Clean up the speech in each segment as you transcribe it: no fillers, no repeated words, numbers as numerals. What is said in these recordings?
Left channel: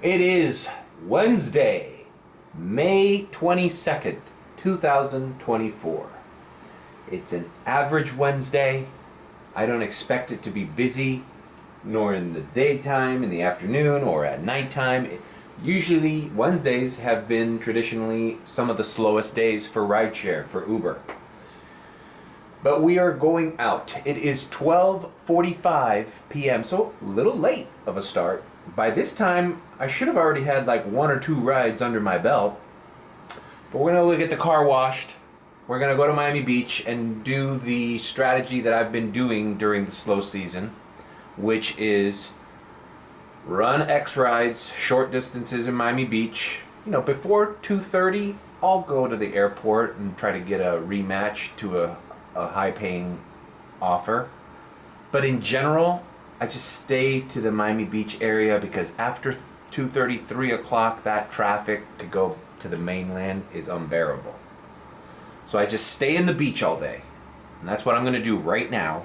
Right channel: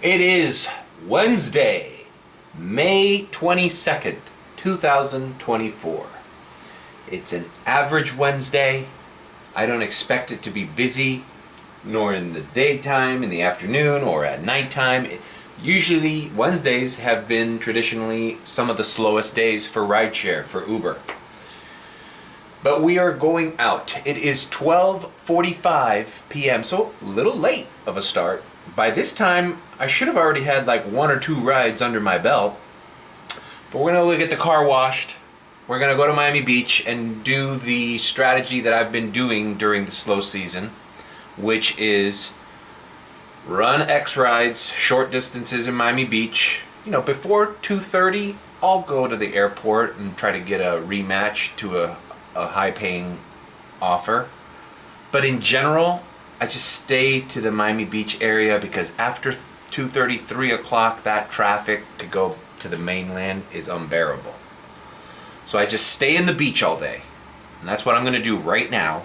It is Wednesday, May 22nd, 2024. It's an average Wednesday. I don't expect it to be busy, nor in the daytime, in the afternoon, or at nighttime. Usually, Wednesdays have been traditionally some of the slowest days for rideshare, for Uber. But we are going out. It is 12:45 p.m., so a little late of a start. By this time, I should have already had like one or two rides under my belt. But we're gonna get the car washed. We're gonna go to Miami Beach and do the strategy that I've been doing during the slow season, which is run X rides, short distances in Miami Beach. You know, before 2:30, I'll go to the airport and try to get a rematch to a high-paying offer. But in general, I just stay to the Miami Beach area because after 2:30, 3 o'clock, that traffic to go to the mainland is unbearable. So I just stay in the beach all day. And that's what I'm gonna do right now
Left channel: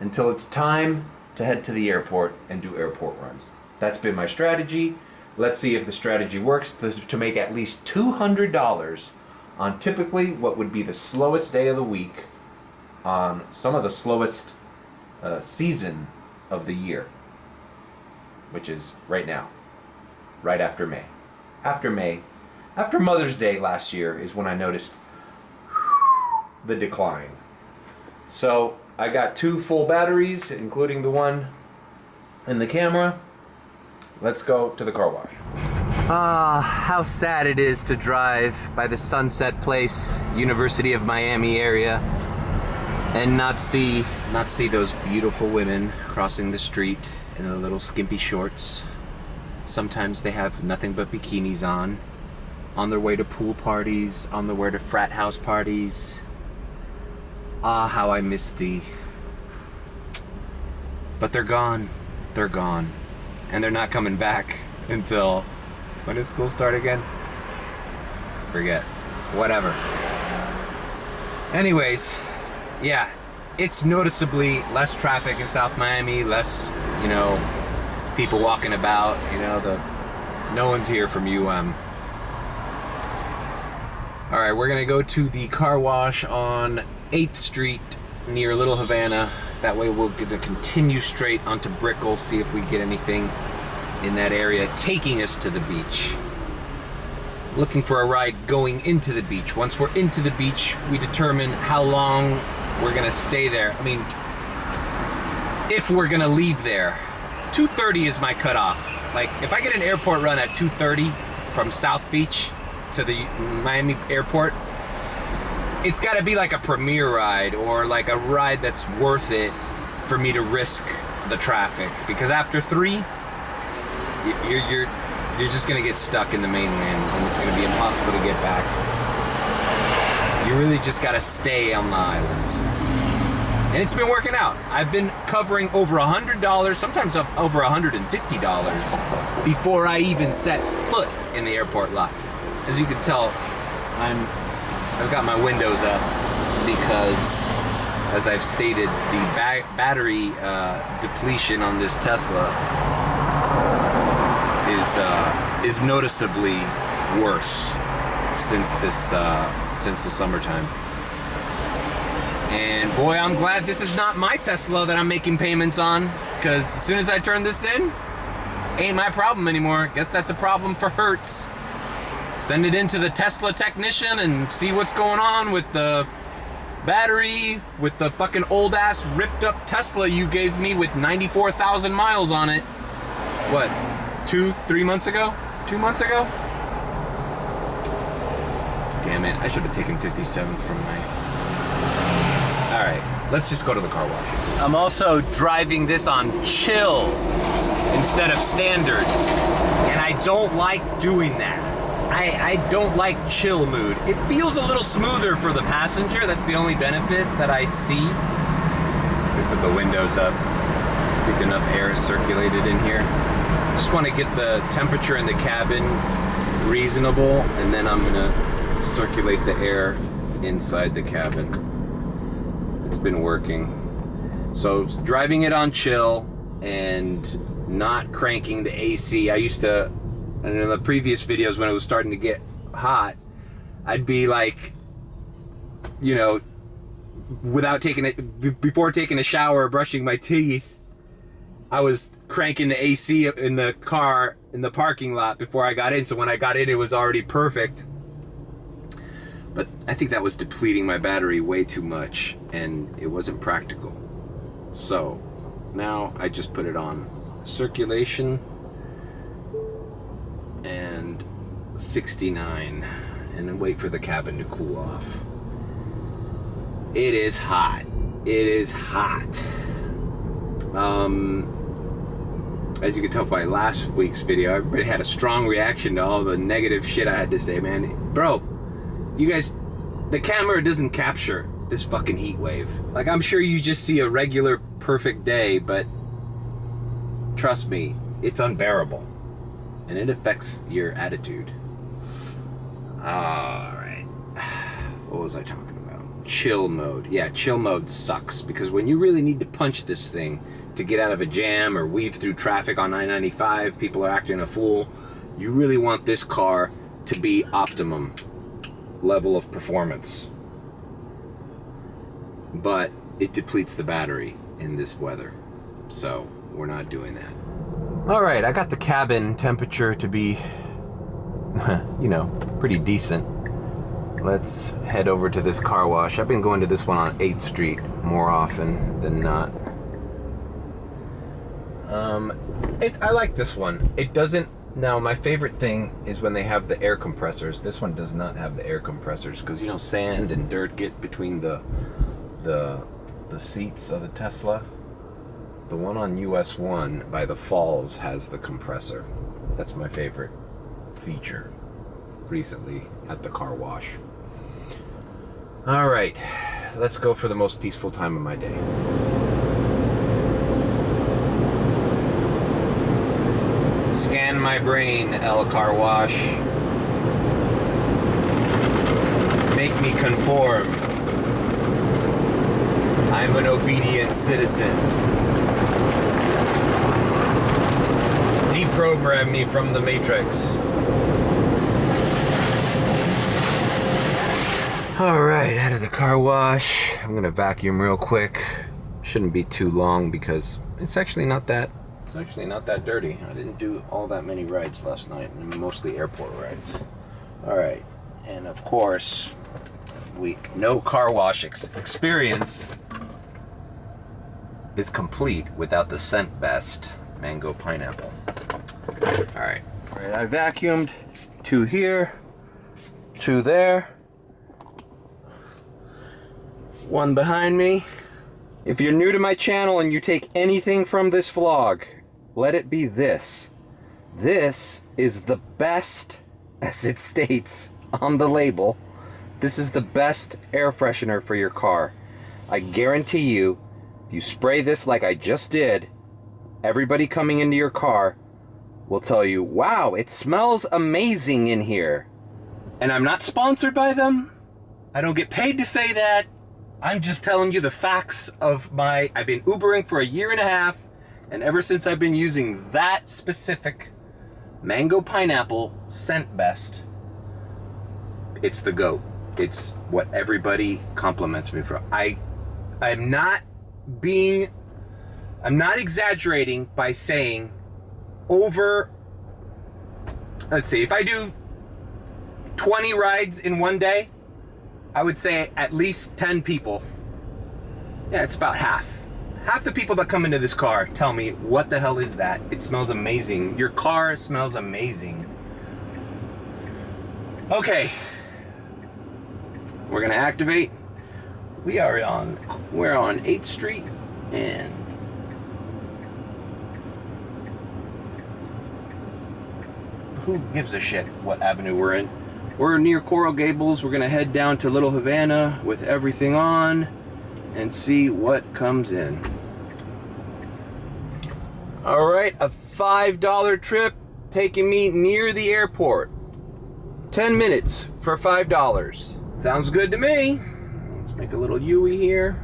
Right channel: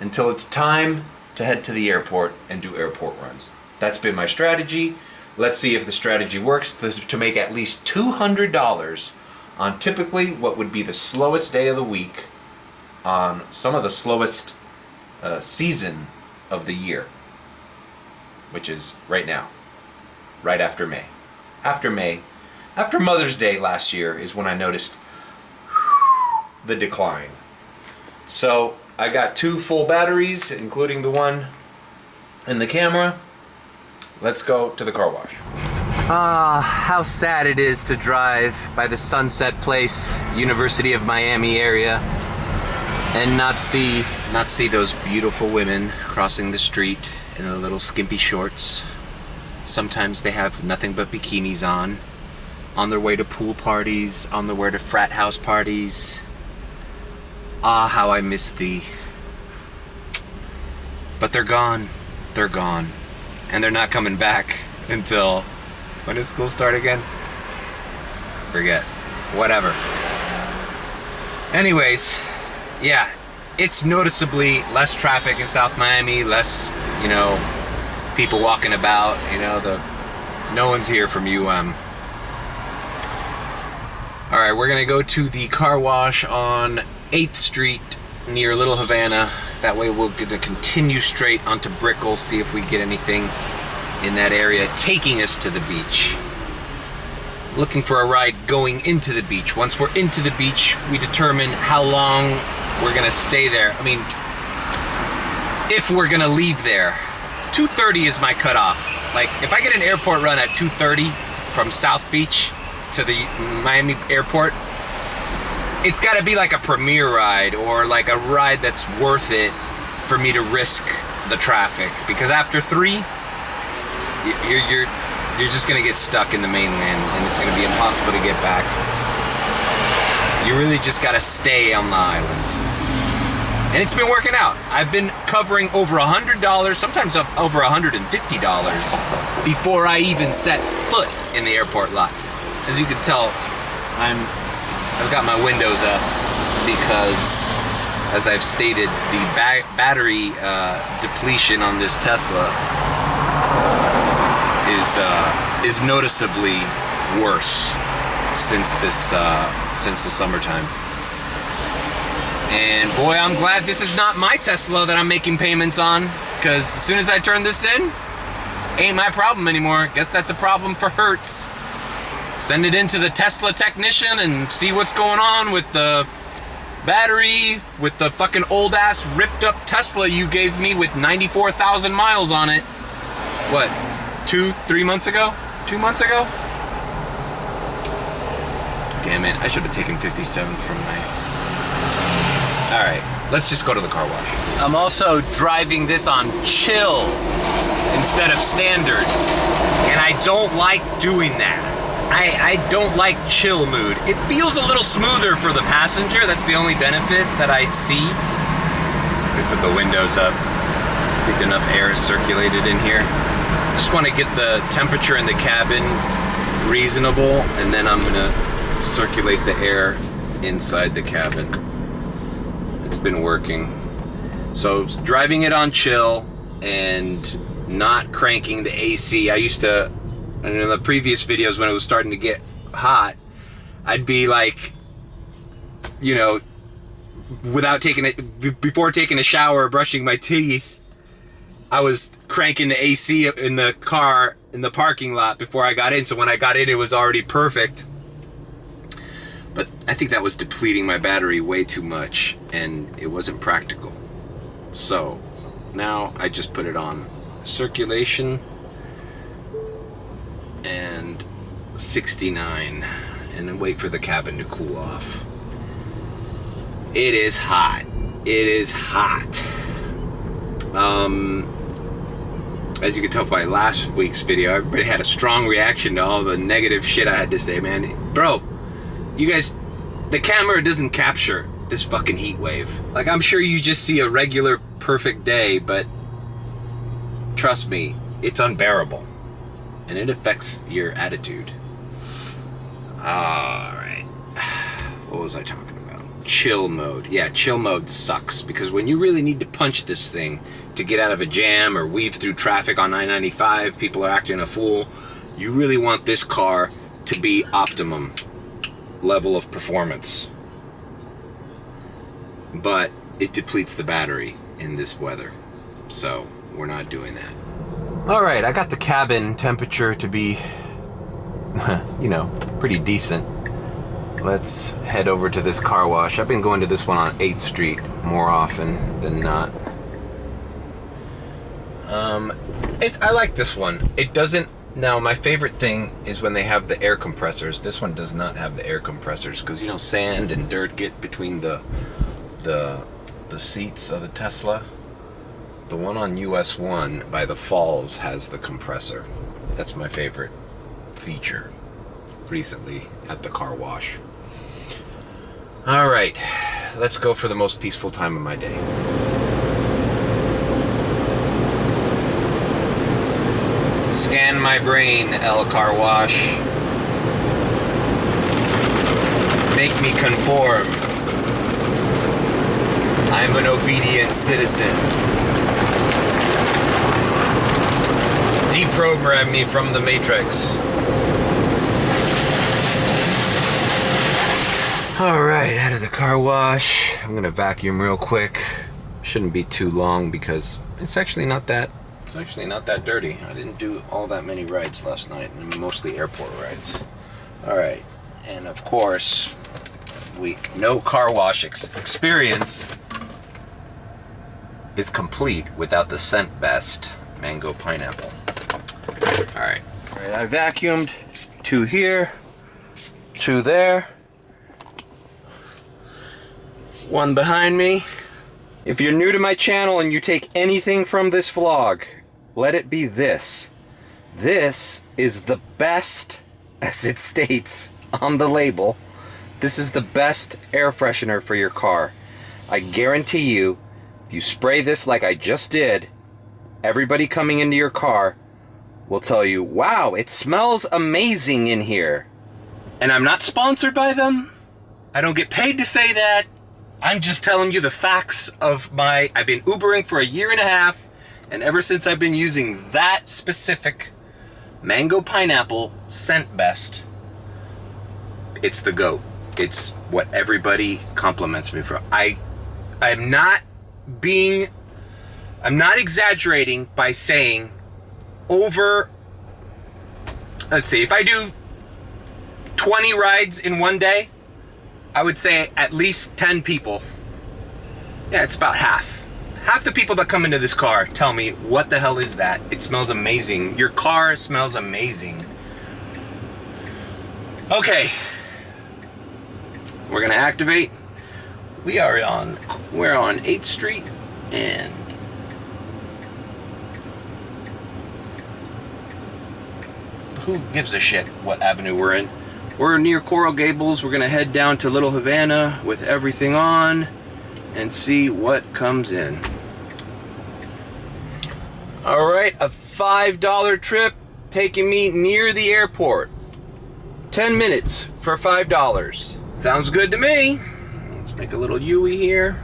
until it's time to head to the airport and do airport runs. That's been my strategy. Let's see if the strategy works to make at least $200 on typically what would be the slowest day of the week on some of the slowest season of the year, which is right now, right after May. After Mother's Day last year is when I noticed the decline. So I got 2 full batteries, including the one in the camera. Let's go to the car wash. How sad it is to drive by the Sunset Place, University of Miami area, and not see those beautiful women crossing the street in their little skimpy shorts. Sometimes they have nothing but bikinis on their way to pool parties, on their way to frat house parties. Ah, how I miss thee. But they're gone. And they're not coming back until, when does school start again? Forget. Whatever. Anyways, yeah, it's noticeably less traffic in South Miami, less, people walking about, no one's here from UM. All right, we're gonna go to the car wash on 8th Street near Little Havana. That way we'll get to continue straight onto Brickell, see if we get anything in that area taking us to the beach. Looking for a ride going into the beach. Once we're into the beach, we determine how long we're gonna stay there. I mean, if we're gonna leave there. 2:30 is my cutoff. Like, if I get an airport run at 2:30 from South Beach to the Miami airport, it's gotta be like a premier ride or like a ride that's worth it for me to risk the traffic. Because after 3, you're just gonna get stuck in the mainland and it's gonna be impossible to get back. You really just gotta stay on the island. And it's been working out. I've been covering over $100, sometimes over $150 before I even set foot in the airport lot. As you can tell, I've got my windows up because, as I've stated, the battery depletion on this Tesla is noticeably worse since the summertime. And boy, I'm glad this is not my Tesla that I'm making payments on, because as soon as I turn this in, ain't my problem anymore. Guess that's a problem for Hertz. Send it into the Tesla technician and see what's going on with the battery, with the fucking old ass ripped up Tesla you gave me with 94,000 miles on it. What, 3 months ago? 2 months ago? Damn it, I should have taken 57th from my... Alright, let's just go to the car wash. I'm also driving this on chill instead of standard, and I don't like doing that. I don't like chill mood. It feels a little smoother for the passenger. That's the only benefit that I see. We put the windows up. I think enough air is circulated in here. Just want to get the temperature in the cabin reasonable, and then I'm gonna circulate the air inside the cabin. It's been working. So driving it on chill and not cranking the AC. I used to And in the previous videos when it was starting to get hot, I'd be like, you know, before taking a shower or brushing my teeth, I was cranking the AC in the car in the parking lot before I got in. So when I got in, it was already perfect. But I think that was depleting my battery way too much, and it wasn't practical. So now I just put it on circulation and 69 and then wait for the cabin to cool off. It is hot. It is hot. As you can tell by last week's video, everybody had a strong reaction to all the negative shit I had to say, man. Bro, you guys, the camera doesn't capture this fucking heat wave. Like, I'm sure you just see a regular perfect day, but trust me, it's unbearable. And it affects your attitude. Alright. What was I talking about? Chill mode. Yeah, chill mode sucks, because when you really need to punch this thing to get out of a jam or weave through traffic on I-95, people are acting a fool, you really want this car to be optimum level of performance. But it depletes the battery in this weather, so we're not doing that. Alright, I got the cabin temperature to be, you know, pretty decent. Let's head over to this car wash. I've been going to this one on 8th Street more often than not. I like this one. It doesn't. Now, my favorite thing is when they have the air compressors. This one does not have the air compressors because, you know, sand and dirt get between the seats of the Tesla. The one on US 1 by the falls has the compressor. That's my favorite feature recently at the car wash. All right, let's go for the most peaceful time of my day. Scan my brain, L Car Wash. Make me conform. I'm an obedient citizen. Deprogram me from the Matrix. Alright, out of the car wash. I'm gonna vacuum real quick. Shouldn't be too long because it's actually not that dirty. I didn't do all that many rides last night, mostly airport rides. Alright, and of course, no car wash experience is complete without the scent best mango pineapple. Alright, I vacuumed 2 here, 2 there, 1 behind me. If you're new to my channel and you take anything from this vlog, let it be this. This is the best, as it states on the label, this is the best air freshener for your car. I guarantee you, if you spray this like I just did, everybody coming into your car will tell you, wow, it smells amazing in here. And I'm not sponsored by them. I don't get paid to say that. I'm just telling you the facts of I've been Ubering for 1.5 years, and ever since I've been using that specific mango pineapple scent best, it's the GOAT. It's what everybody compliments me for. I'm not exaggerating by saying let's see, if I do 20 rides in one day, I would say at least 10 people. Yeah, it's about half. Half the people that come into this car tell me, what the hell is that? It smells amazing. Your car smells amazing. Okay. We're gonna activate. We're on 8th Street and who gives a shit what avenue we're in? We're near Coral Gables. We're gonna head down to Little Havana with everything on and see what comes in. All right, a $5 trip taking me near the airport. 10 minutes for $5. Sounds good to me. Let's make a little U-ey here.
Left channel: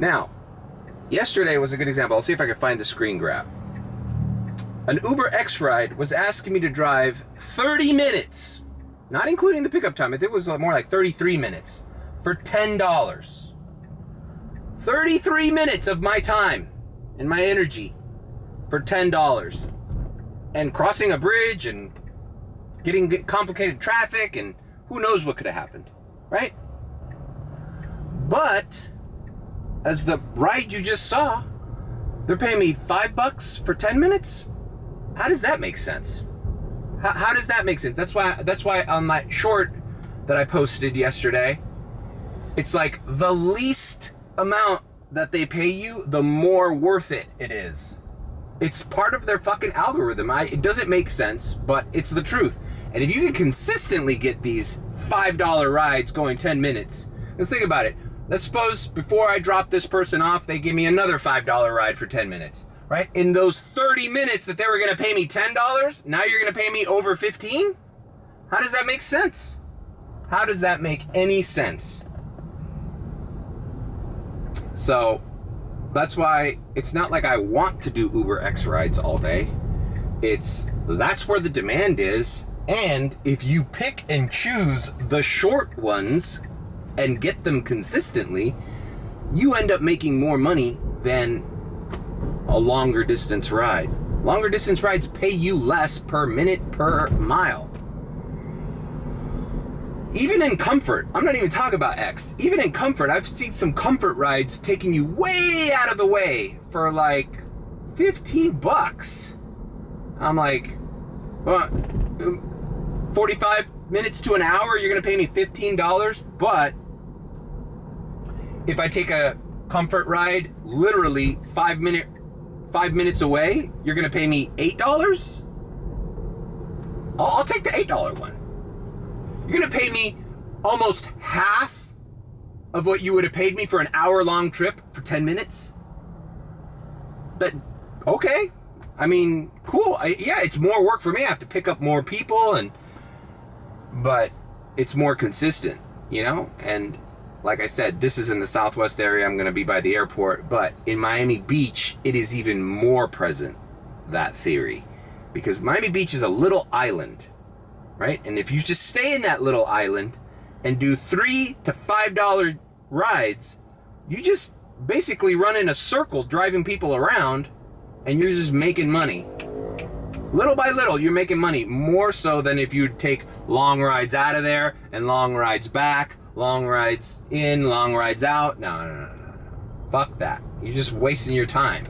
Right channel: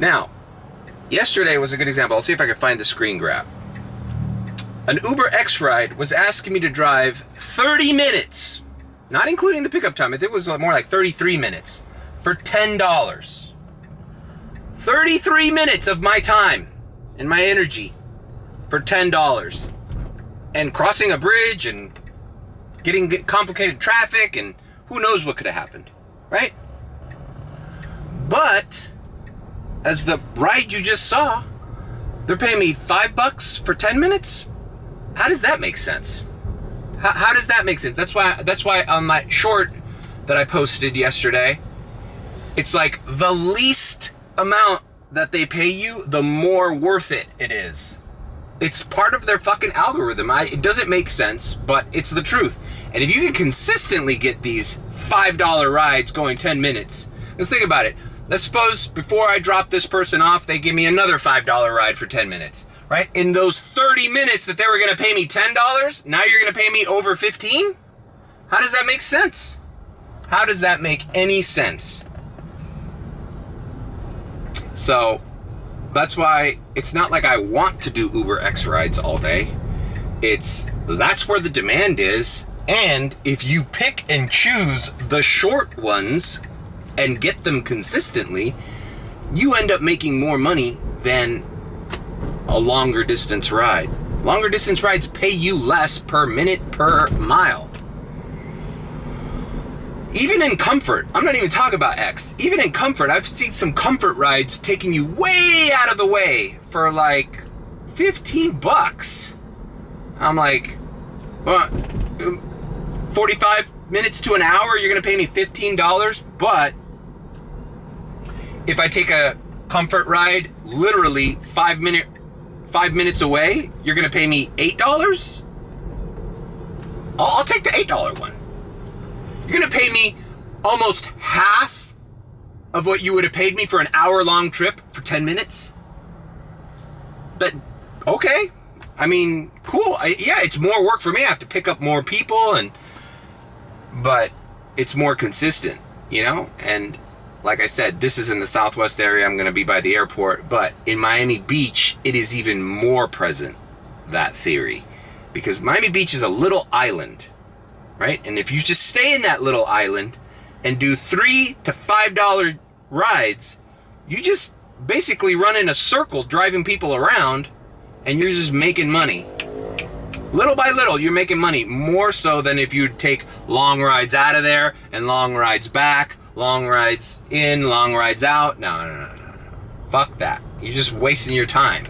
Now, yesterday was a good example. I'll see if I can find the screen grab. An Uber X ride was asking me to drive 30 minutes, not including the pickup time. It was more like 33 minutes for $10. 33 minutes of my time and my energy for $10. And crossing a bridge and getting complicated traffic and who knows what could have happened, right? But as the ride you just saw, they're paying me $5 for 10 minutes? How does that make sense? How does that make sense? That's why on that short that I posted yesterday, it's like the least amount that they pay you, the more worth it is. It's part of their fucking algorithm. It doesn't make sense, but it's the truth. And if you can consistently get these $5 rides going 10 minutes, let's think about it. Let's suppose before I drop this person off, they give me another $5 ride for 10 minutes. Right? In those 30 minutes that they were going to pay me $10, now you're going to pay me over 15? How does that make sense? How does that make any sense? So, that's why it's not like I want to do Uber X rides all day. That's where the demand is. And if you pick and choose the short ones and get them consistently, you end up making more money than a longer distance ride. Longer distance rides pay you less per minute per mile. Even in comfort, I'm not even talking about X. Even in comfort, I've seen some comfort rides taking you way out of the way for like $15. I'm like, 45 minutes to an hour, you're gonna pay me $15, but if I take a comfort ride literally 5 minutes away, you're gonna pay me $8? I'll take the $8 one. You're gonna pay me almost half of what you would have paid me for an hour-long trip for 10 minutes? But, okay. I mean, cool. Yeah, it's more work for me. I have to pick up more people, but it's more consistent, you know? And like I said, this is in the Southwest area. I'm going to be by the airport. But in Miami Beach, it is even more present, that theory. Because Miami Beach is a little island, right? And if you just stay in that little island and do $3 to $5 rides, you just basically run in a circle driving people around, and you're just making money. Little by little, you're making money. More so than if you take long rides out of there and long rides back. Long rides in, long rides out. No. Fuck that. You're just wasting your time.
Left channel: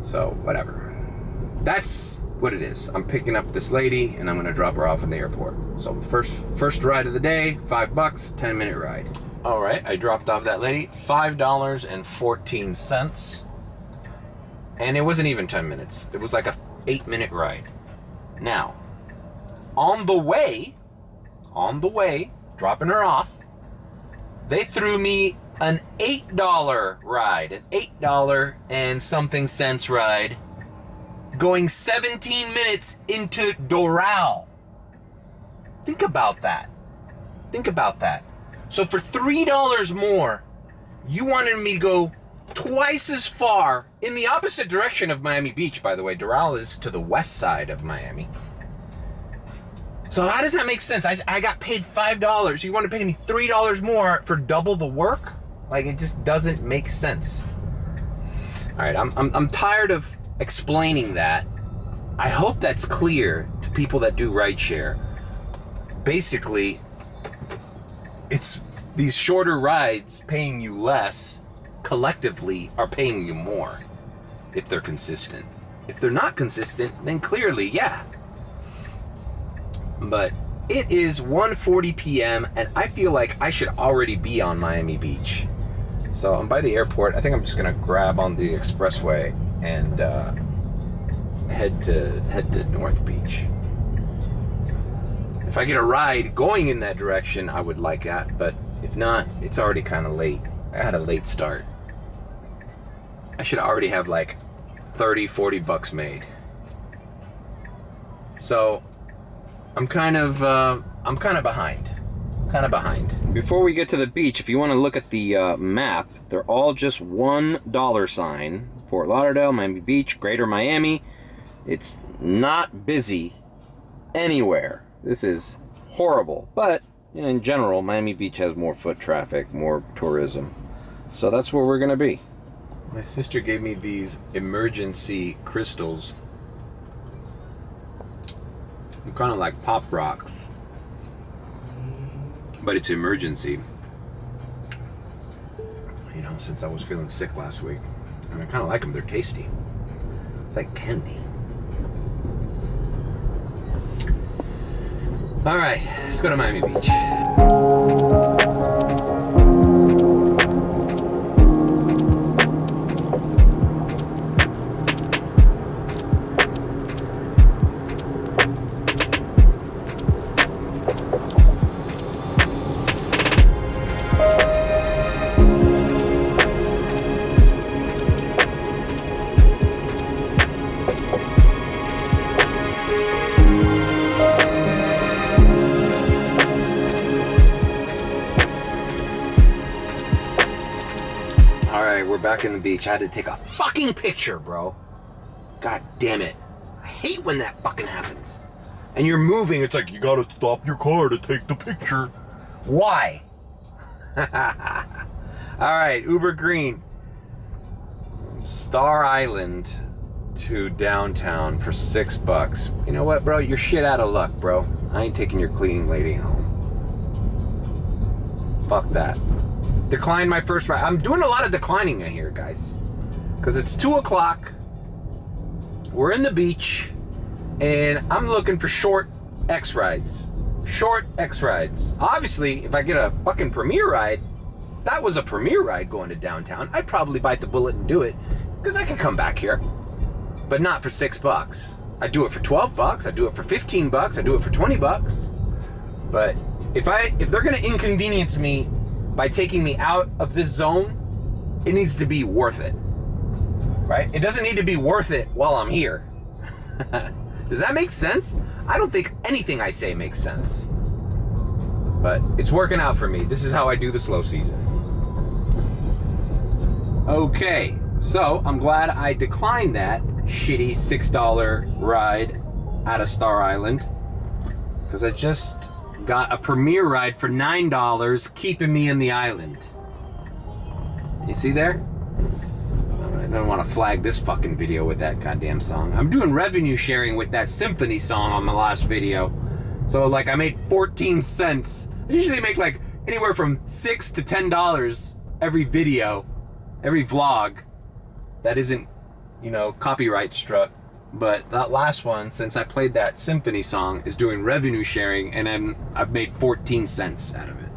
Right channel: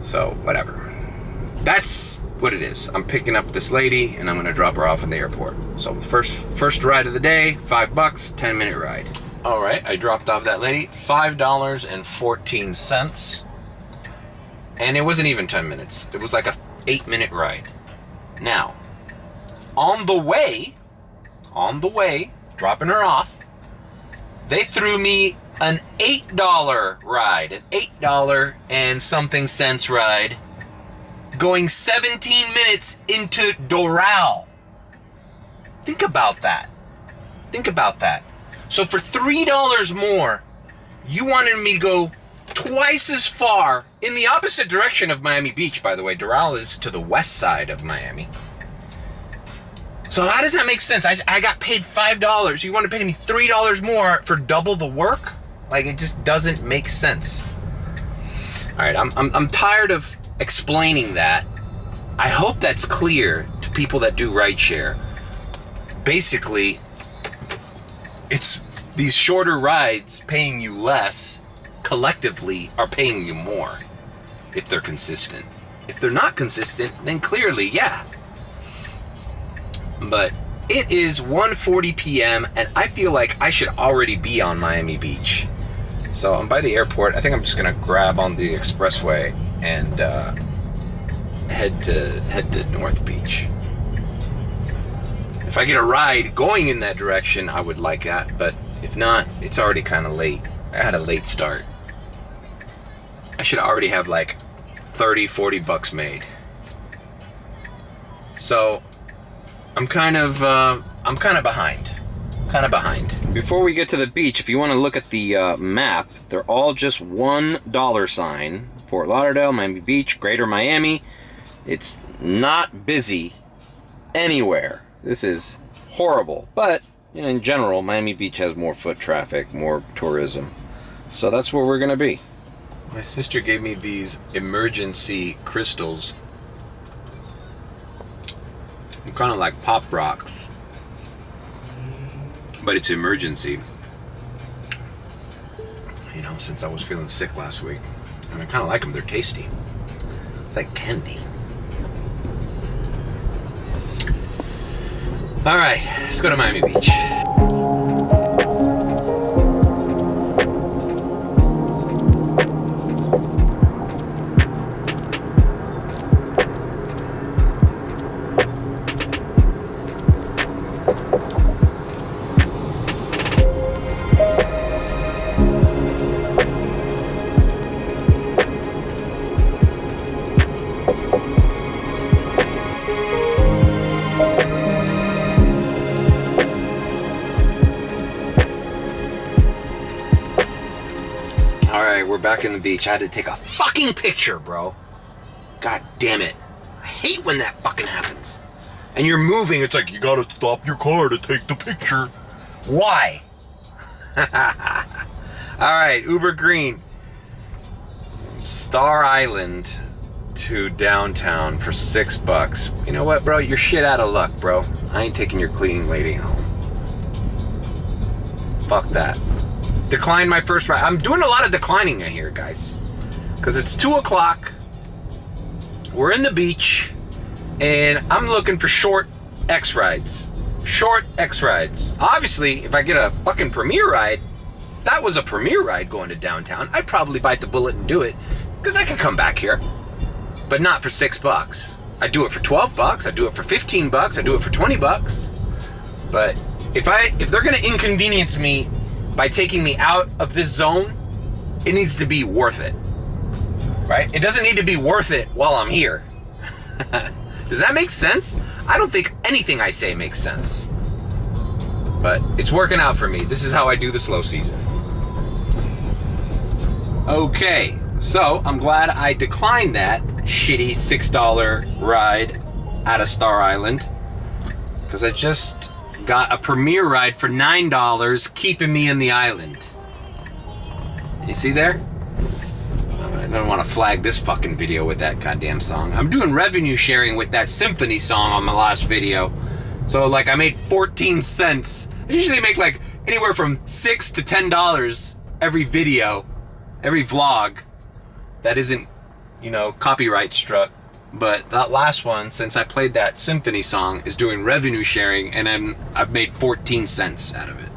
So, whatever. That's what it is. I'm picking up this lady and I'm gonna drop her off in the airport. So first ride of the day, $5, 10-minute ride. All right, I dropped off that lady, $5.14. And it wasn't even 10 minutes. It was like a 8-minute ride. Now, on the way, dropping her off, they threw me an $8 ride, an $8 and something cents ride, going 17 minutes into Doral. Think about that. So for $3 more, you wanted me to go twice as far in the opposite direction of Miami Beach, by the way. Doral is to the west side of Miami. So how does that make sense? I got paid $5. You want to pay me $3 more for double the work? Like, it just doesn't make sense. All right, I'm tired of explaining that. I hope that's clear to people that do rideshare. Basically, it's these shorter rides paying you less collectively are paying you more if they're consistent. If they're not consistent, then clearly, yeah. But it is 1:40 p.m. and I feel like I should already be on Miami Beach. So I'm by the airport. I think I'm just gonna grab on the expressway and head to North Beach. If I get a ride going in that direction, I would like that. But if not, it's already kind of late. I had a late start. I should already have like $30-40 made. So I'm kind of behind. Before we get to the beach, if you want to look at the map, they're all just $1 sign. Fort Lauderdale, Miami Beach, Greater Miami, It's not busy anywhere. This is horrible. But in general, Miami Beach has more foot traffic, more tourism. So that's where we're going to be. My sister gave me these emergency crystals. They're kind of like pop rock, but it's emergency. Since I was feeling sick last week. And I kind of like them. They're tasty. It's like candy. All right, let's go to Miami Beach. We're back in the beach. I had to take a fucking picture, bro. God damn it. I hate when that fucking happens. And you're moving, it's like you gotta stop your car to take the picture. Why? Alright, Uber Green. Star Island to downtown for $6. You know what, bro? You're shit out of luck, bro. I ain't taking your cleaning lady home. Fuck that. Decline my first ride. I'm doing a lot of declining in here, guys. Because it's 2 o'clock. We're in the beach. And I'm looking for short X rides. Short X rides. Obviously, if I get a fucking premier ride, if that was a premier ride going to downtown, I'd probably bite the bullet and do it. Because I could come back here. But not for $6. I'd do it for $12. I'd do it for $15. I'd do it for $20. But if they're gonna inconvenience me by taking me out of this zone, it needs to be worth it, right? It doesn't need to be worth it while I'm here. Does that make sense? I don't think anything I say makes sense, but it's working out for me. This is how I do the slow season. Okay, so I'm glad I declined that shitty $6 ride out of Star Island, because I just got a premier ride for $9, keeping me in the island. You see there? I don't want to flag this fucking video with that goddamn song. I'm doing revenue sharing with that symphony song on my last video. So like I made 14 cents. I usually make like anywhere from $6 to $10 every video, every vlog that isn't, copyright struck. But that last one, since I played that symphony song, is doing revenue sharing, and I've made 14 cents out of it.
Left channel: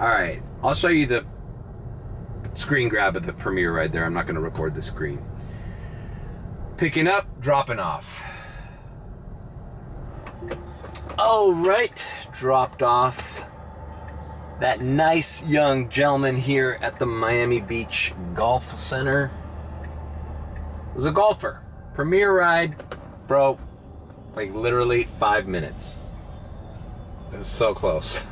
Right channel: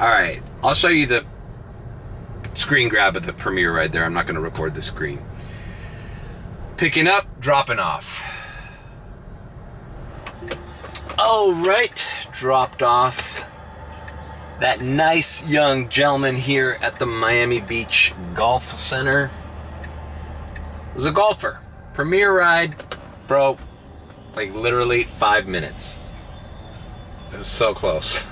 All right, I'll show you the screen grab of the premiere right there. I'm not going to record the screen. Picking up, dropping off. All right, dropped off that nice young gentleman here at the Miami Beach Golf Center. Was a golfer. Premier ride, bro, like literally 5 minutes. It was so close.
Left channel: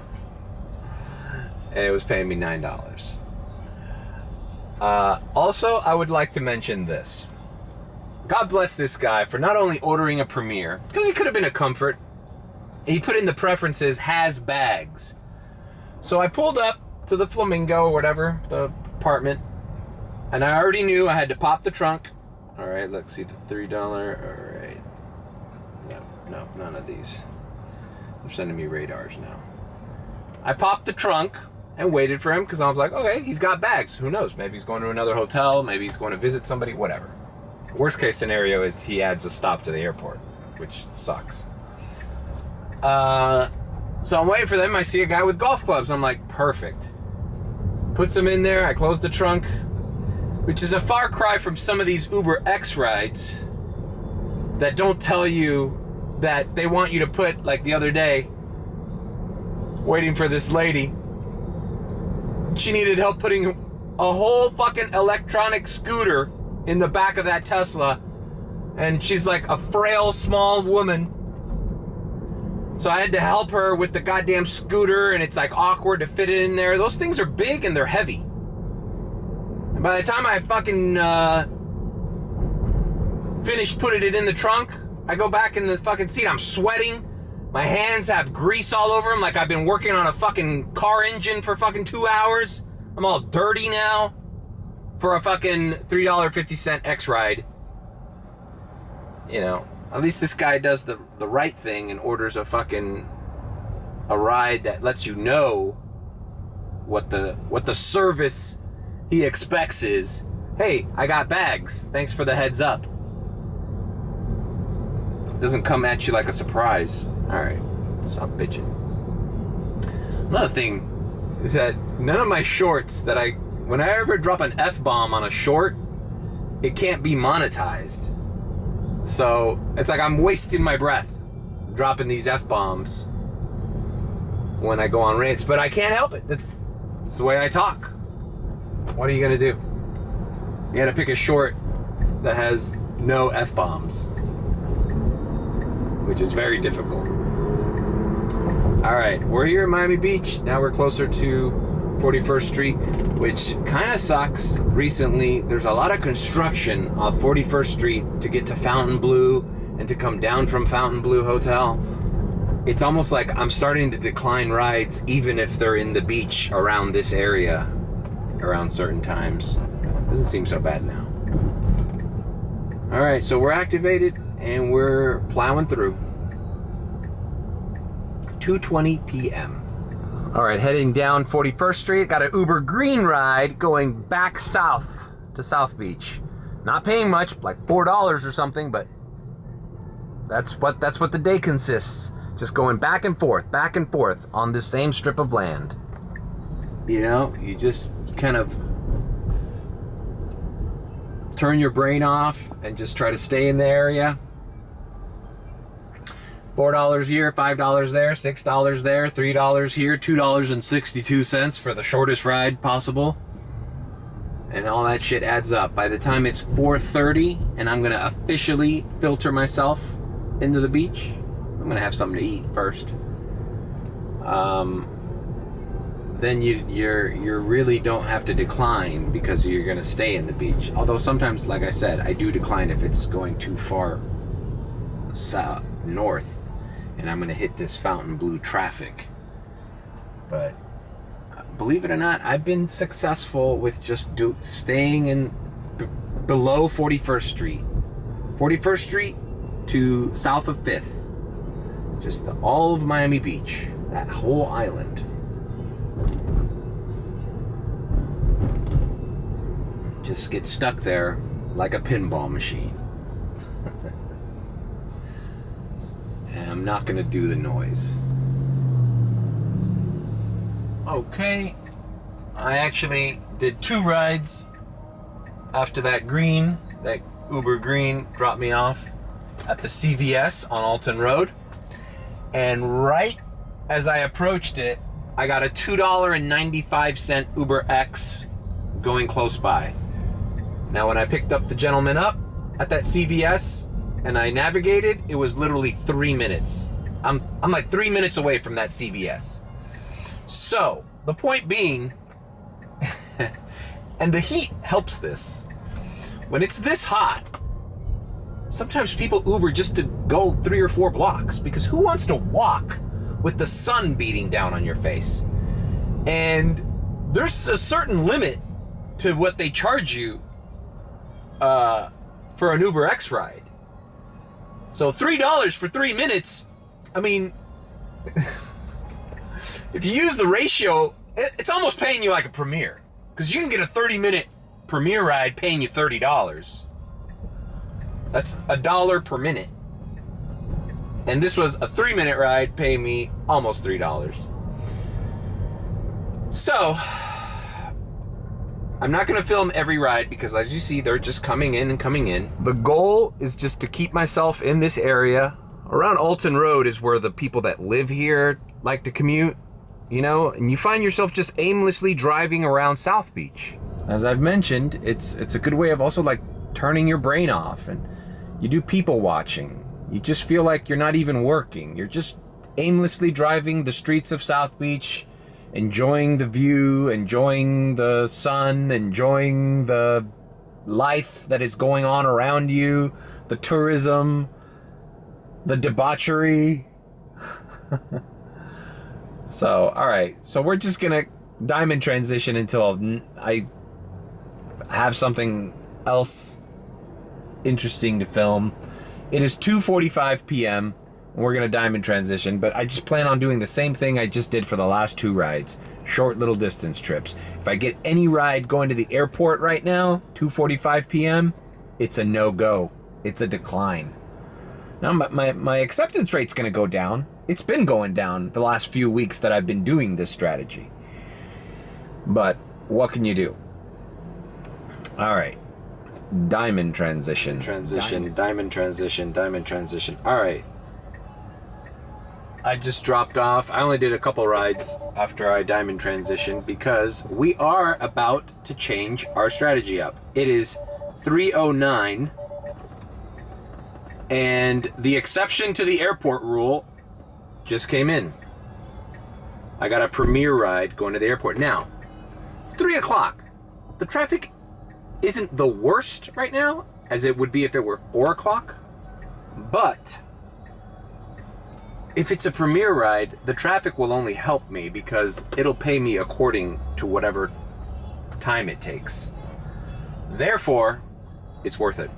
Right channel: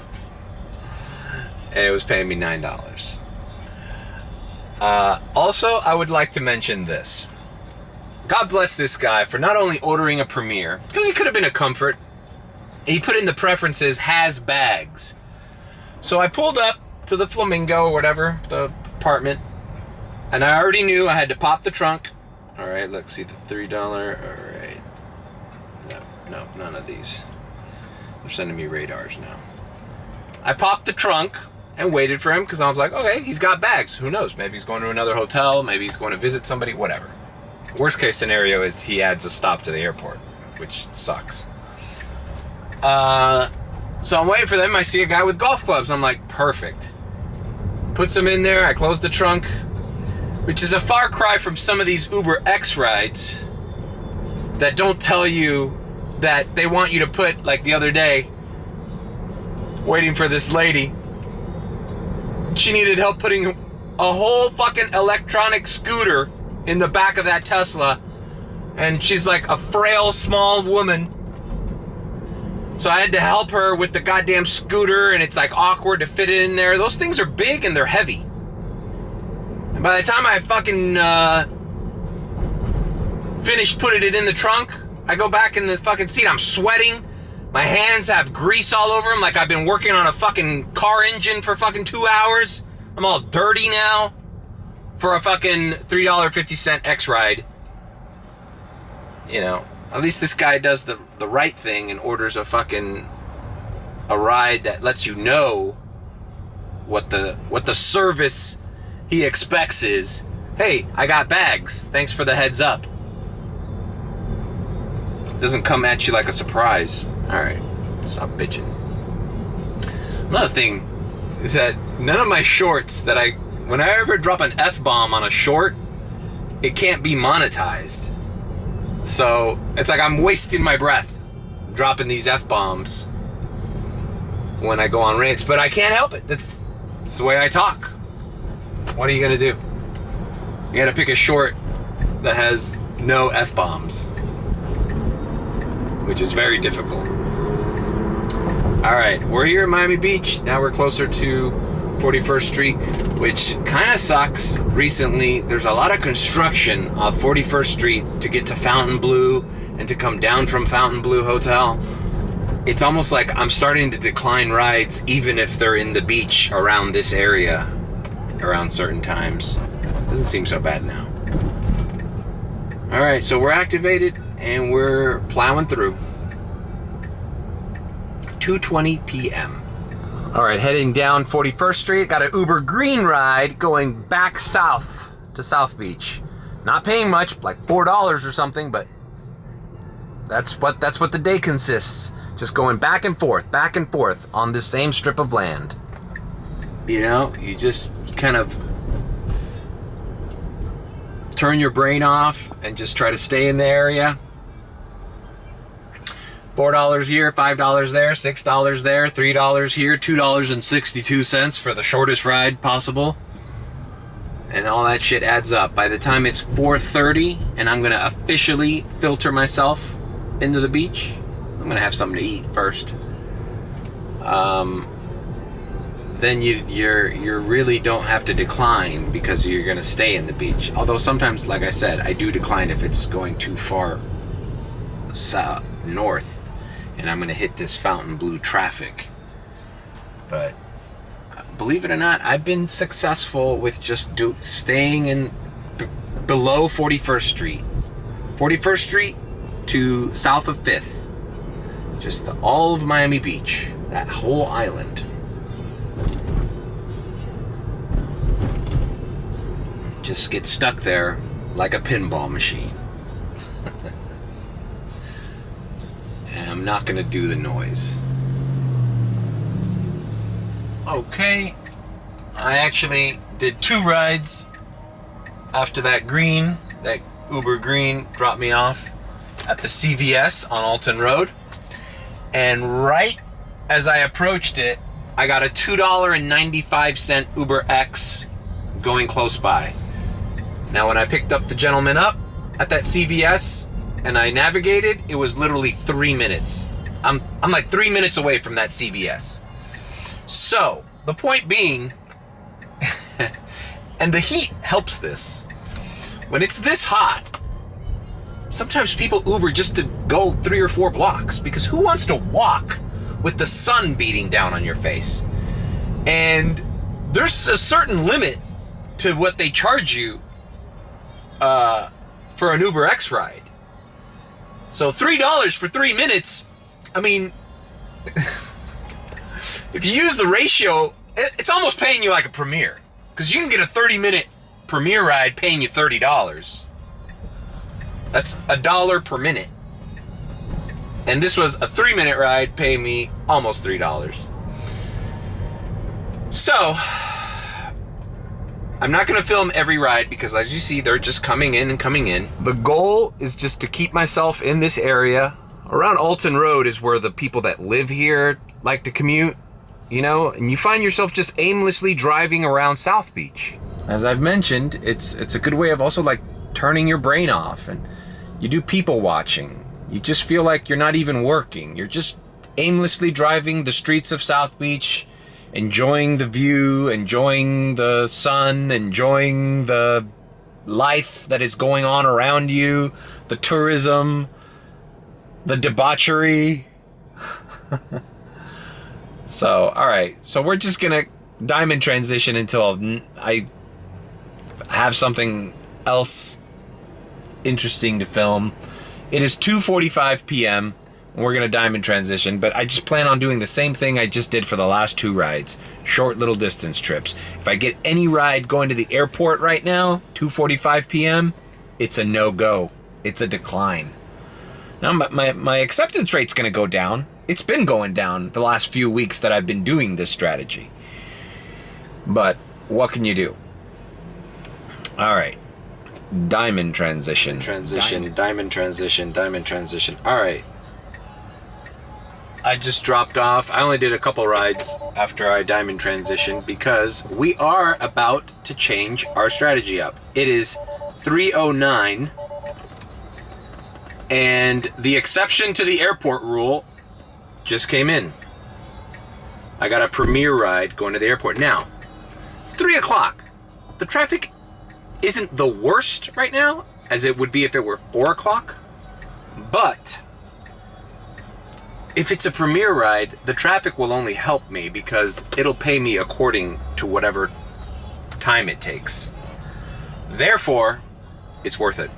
And it was paying me $9. Also, I would like to mention this. God bless this guy for not only ordering a Premier, because he could have been a Comfort. He put in the preferences, has bags. So I pulled up to the Flamingo or whatever, the apartment, and I already knew I had to pop the trunk. All right, look, see the $3. All right. No, none of these. They're sending me radars now. I popped the trunk and waited for him because I was like, okay, he's got bags. Who knows? Maybe he's going to another hotel. Maybe he's going to visit somebody, whatever. Worst case scenario is he adds a stop to the airport, which sucks. So I'm waiting for them. I see a guy with golf clubs. I'm like, perfect. Puts them in there. I close the trunk, which is a far cry from some of these Uber X rides that don't tell you that they want you to put, like the other day, waiting for this lady. She needed help putting a whole fucking electronic scooter in the back of that Tesla. And she's like a frail, small woman. So I had to help her with the goddamn scooter, and it's like awkward to fit it in there. Those things are big and they're heavy. And by the time I fucking finished putting it in the trunk, I go back in the fucking seat. I'm sweating. My hands have grease all over them like I've been working on a fucking car engine for fucking 2 hours. I'm all dirty now for a fucking $3.50 X ride. You know, at least this guy does the right thing and orders a ride that lets you know what the service he expects is. Hey, I got bags. Thanks for the heads up. Doesn't come at you like a surprise. Alright, stop bitching. Another thing is that none of my shorts when I ever drop an F-bomb on a short, it can't be monetized. So it's like I'm wasting my breath dropping these F-bombs when I go on rants, but I can't help it. It's the way I talk. What are you gonna do? You gotta pick a short that has no F-bombs, which is very difficult. All right, we're here at Miami Beach. Now we're closer to 41st Street, which kind of sucks. Recently, there's a lot of construction off 41st Street to get to Fontainebleau and to come down from Fontainebleau Hotel. It's almost like I'm starting to decline rides even if they're in the beach around this area around certain times. Doesn't seem so bad now. All right, so we're activated and we're plowing through. 2:20 p.m. All right, heading down 41st Street. Got an Uber green ride going back south to South Beach. Not paying much, like $4 or something, but that's what the day consists. Just going back and forth on this same strip of land. You know, you just kind of turn your brain off and just try to stay in the area. $4 here, $5 there, $6 there, $3 here, $2.62 for the shortest ride possible. And all that shit adds up. By the time it's 4:30 and I'm gonna officially filter myself into the beach, I'm gonna have something to eat first. Then you really don't have to decline because you're gonna stay in the beach. Although sometimes, like I said, I do decline if it's going too far south, north, and I'm gonna hit this Fontainebleau traffic. But believe it or not, I've been successful with just staying in below 41st Street. 41st Street to south of 5th. Just all of Miami Beach, that whole island. Just get stuck there like a pinball machine. And I'm not gonna do the noise. Okay, I actually did 2 rides after that Uber green dropped me off at the CVS on Alton Road. And right as I approached it, I got a $2.95 Uber X going close by. Now, when I picked up the gentleman up at that CVS and I navigated, it was literally 3 minutes. I'm like 3 minutes away from that CVS. So, the point being, and the heat helps this, when it's this hot, sometimes people Uber just to go 3 or 4 blocks, because who wants to walk with the sun beating down on your face? And there's a certain limit to what they charge you for an Uber X ride. So $3 for 3 minutes, I mean, if you use the ratio, it's almost paying you like a Premier, because you can get a 30-minute Premier ride paying you $30. That's $1 per minute. And this was a 3-minute ride paying me almost $3. So, I'm not gonna film every ride because, as you see, they're just coming in and coming in. The goal is just to keep myself in this area. Around Alton Road is where the people that live here like to commute, you know, and you find yourself just aimlessly driving around South Beach. As I've mentioned, it's a good way of also like turning your brain off, and you do people watching. You just feel like you're not even working. You're just aimlessly driving the streets of South Beach, enjoying the view, enjoying the sun, enjoying the life that is going on around you, the tourism, the debauchery. So, all right. So we're just going to diamond transition until I have something else interesting to film. It is 2:45 p.m. and we're going to diamond transition, but I just plan on doing the same thing I just did for the last 2 rides. Short little distance trips. If I get any ride going to the airport right now, 2:45 p.m., it's a no-go. It's a decline. Now my acceptance rate's going to go down. It's been going down the last few weeks that I've been doing this strategy. But what can you do? All right. Diamond transition. Diamond transition. All right. I just dropped off. I only did a couple rides after I diamond transitioned because we are about to change our strategy up. It is 3:09 and the exception to the airport rule just came in. I got a premiere ride going to the airport. Now, it's 3 o'clock. The traffic isn't the worst right now as it would be if it were 4 o'clock, but if it's a premiere ride, the traffic will only help me because it'll pay me according to whatever time it takes. Therefore, it's worth it.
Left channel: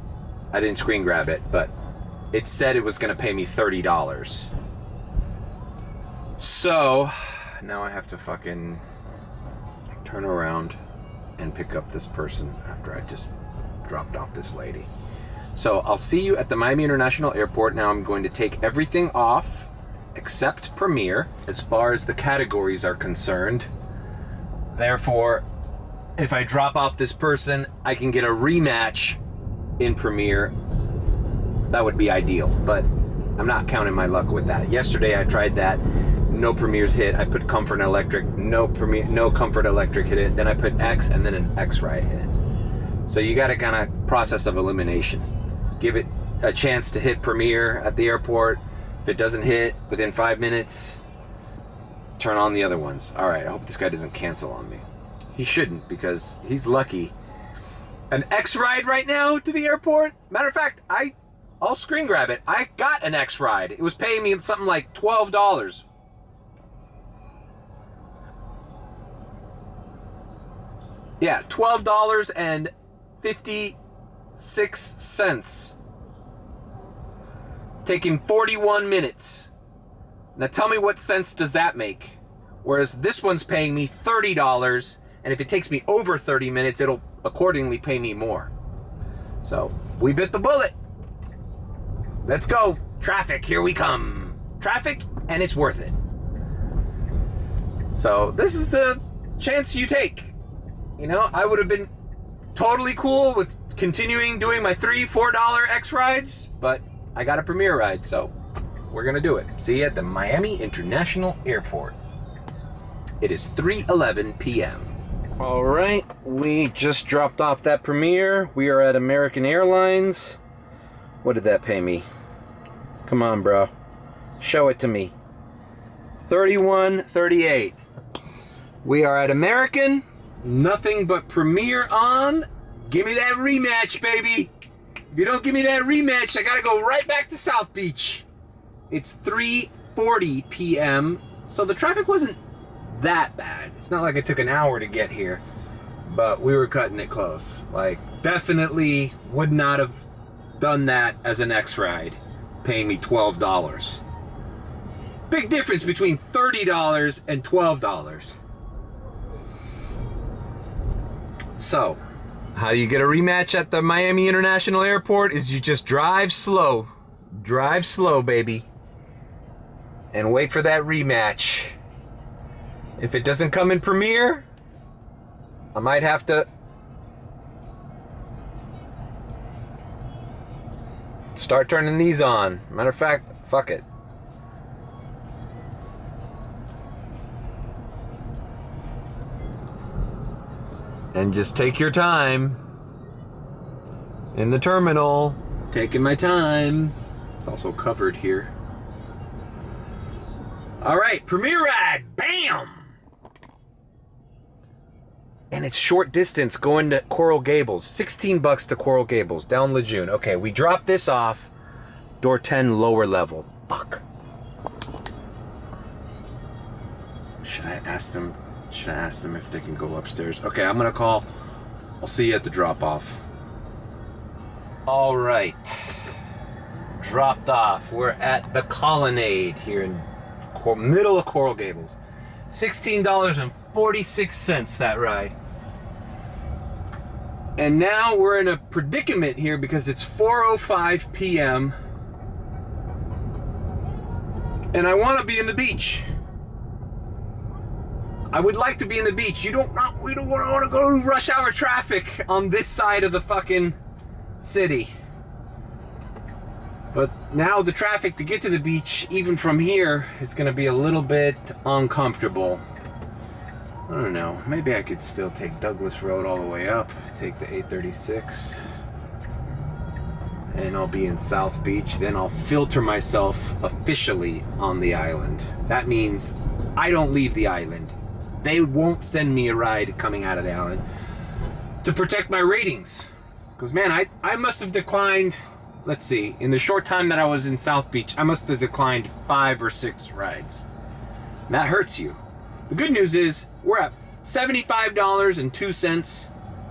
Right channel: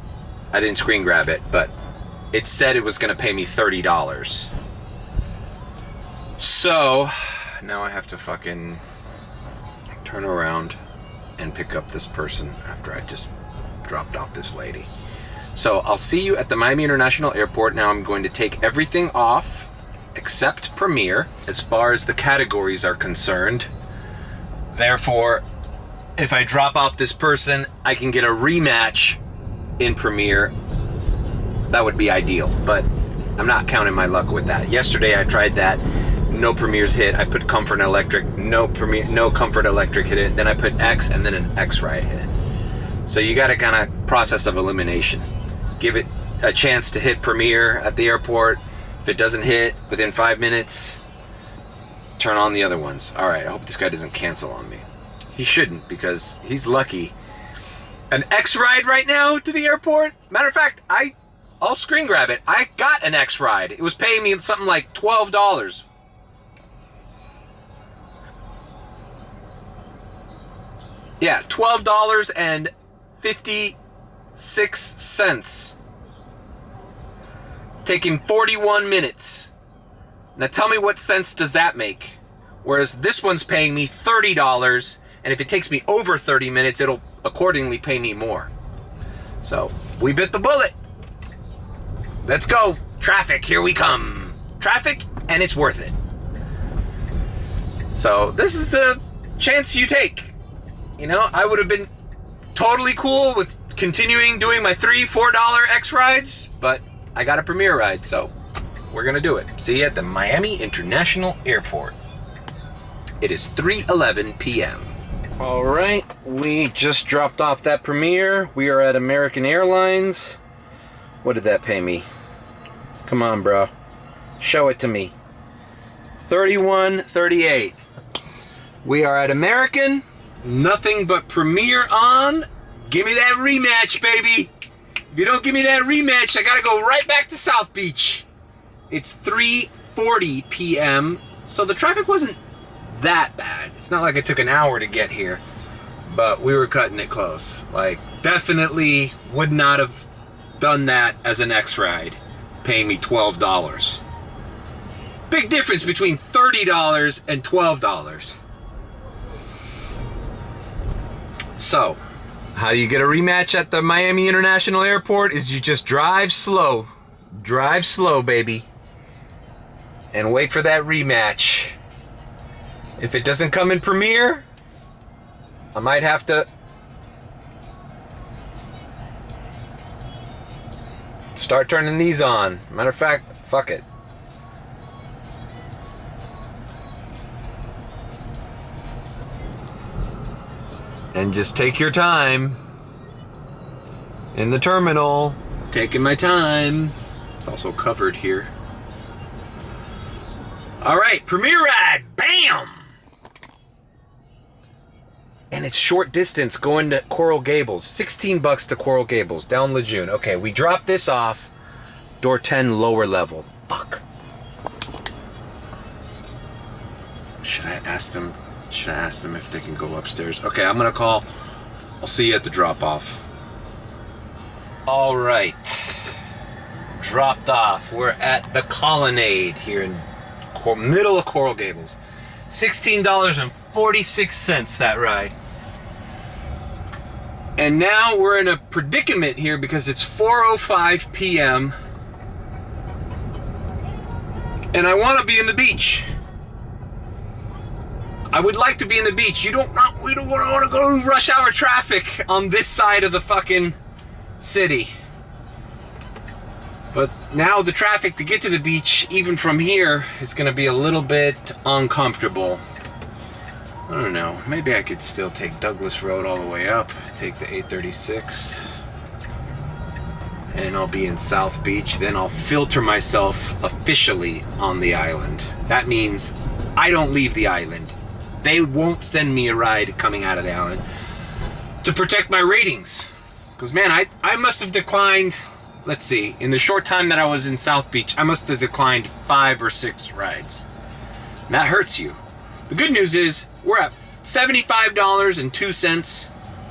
I didn't screen grab it, but it said it was going to pay me $30. So, now I have to fucking turn around and pick up this person after I just dropped off this lady. So, I'll see you at the Miami International Airport. Now I'm going to take everything off except Premiere as far as the categories are concerned. Therefore, if I drop off this person, I can get a rematch in Premiere. That would be ideal, but I'm not counting my luck with that. Yesterday I tried that. No Premieres hit. I put Comfort and Electric. No Comfort Electric hit it. Then I put X and then an X ride hit. So you got to kind of process of elimination. Give it a chance to hit Premiere at the airport. If it doesn't hit within 5 minutes, turn on the other ones. All right, I hope this guy doesn't cancel on me. He shouldn't because he's lucky. An X ride right now to the airport? Matter of fact, I'll screen grab it. I got an X ride. It was paying me something like $12. Yeah, $12.56. Taking 41 minutes. Now tell me what sense does that make? Whereas this one's paying me $30, and if it takes me over 30 minutes, it'll accordingly pay me more. So, we bit the bullet. Let's go. Traffic, here we come. Traffic, and it's worth it. So, this is the chance you take. You know, I would have been totally cool with continuing doing my $3-4 X rides, but I got a Premiere ride, so we're gonna do it. See you at the Miami International Airport. It is 3:11 p.m. All right, we just dropped off that Premiere. We are at American Airlines. What did that pay me? Come on, bro. Show it to me. $31.38. We are at American. Nothing but Premiere on. Give me that rematch, baby. If you don't give me that rematch, I gotta go right back to South Beach. It's 3:40 p.m. So the traffic wasn't that bad. It's not like it took an hour to get here, but we were cutting it close. Like, definitely would not have done that as an X ride, paying me $12. Big difference between $30 and $12. So, how do you get a rematch at the Miami International Airport? Is you just drive slow. Drive slow, baby. And wait for that rematch. If it doesn't come in Premiere, I might have to start turning these on. Matter of fact, fuck it. And just take your time in the terminal. Taking my time. It's also covered here. All right, Premiere ride, bam! And it's short distance going to Coral Gables. 16 bucks to Coral Gables, down Lejeune. Okay, we drop this off. Door 10, lower level. Fuck. Should I ask them if they can go upstairs? Okay, I'm gonna call. I'll see you at the drop-off. All right. Dropped off. We're at the Colonnade here in middle of Coral Gables. $16.46 that ride. And now we're in a predicament here because it's 4:05 p.m. and I want to be in the beach. I would like to be in the beach. We don't want to go to rush hour traffic on this side of the fucking city. But now the traffic to get to the beach, even from here, is going to be a little bit uncomfortable. I don't know. Maybe I could still take Douglas Road all the way up, take the 836, and I'll be in South Beach. Then I'll filter myself officially on the island. That means I don't leave the island. They won't send me a ride coming out of the island to protect my ratings. Because, man, I must have declined, let's see, in the short time that I was in South Beach, I must have declined 5 or 6 rides. And that hurts you. The good news is we're at $75.02.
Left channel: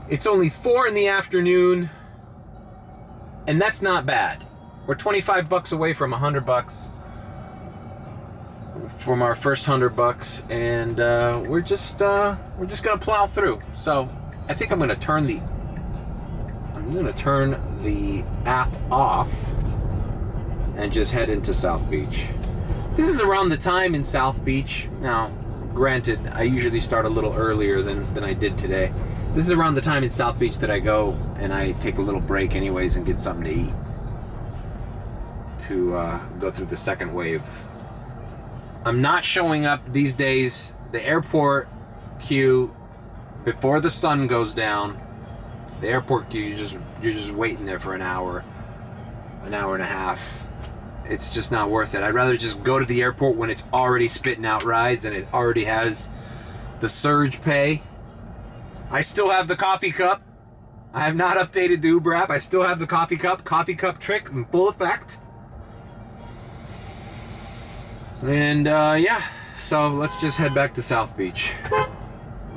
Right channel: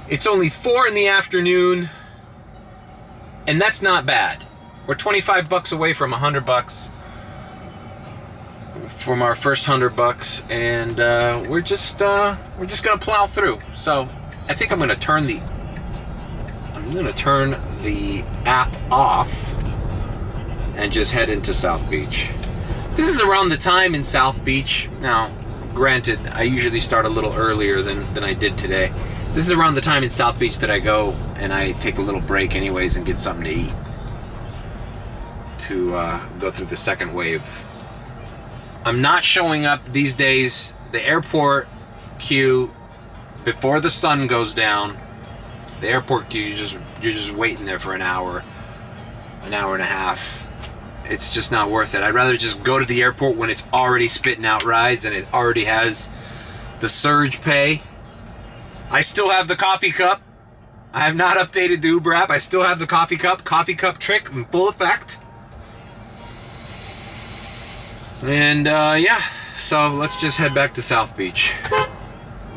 It's only 4 in the afternoon, and that's not bad. We're 25 bucks away from 100 bucks from our first 100 bucks, and we're just gonna plow through. So I think I'm gonna turn the app off and just head into South Beach. This is around the time in South Beach. Now, granted, I usually start a little earlier than I did today. This is around the time in South Beach that I go and I take a little break anyways and get something to eat to go through the second wave. I'm not showing up these days. The airport queue, before the sun goes down, the airport queue, you're just waiting there for an hour and a half. It's just not worth it. I'd rather just go to the airport when it's already spitting out rides and it already has the surge pay. I still have the coffee cup. I have not updated the Uber app. I still have the coffee cup trick in full effect. And yeah, so let's just head back to South Beach.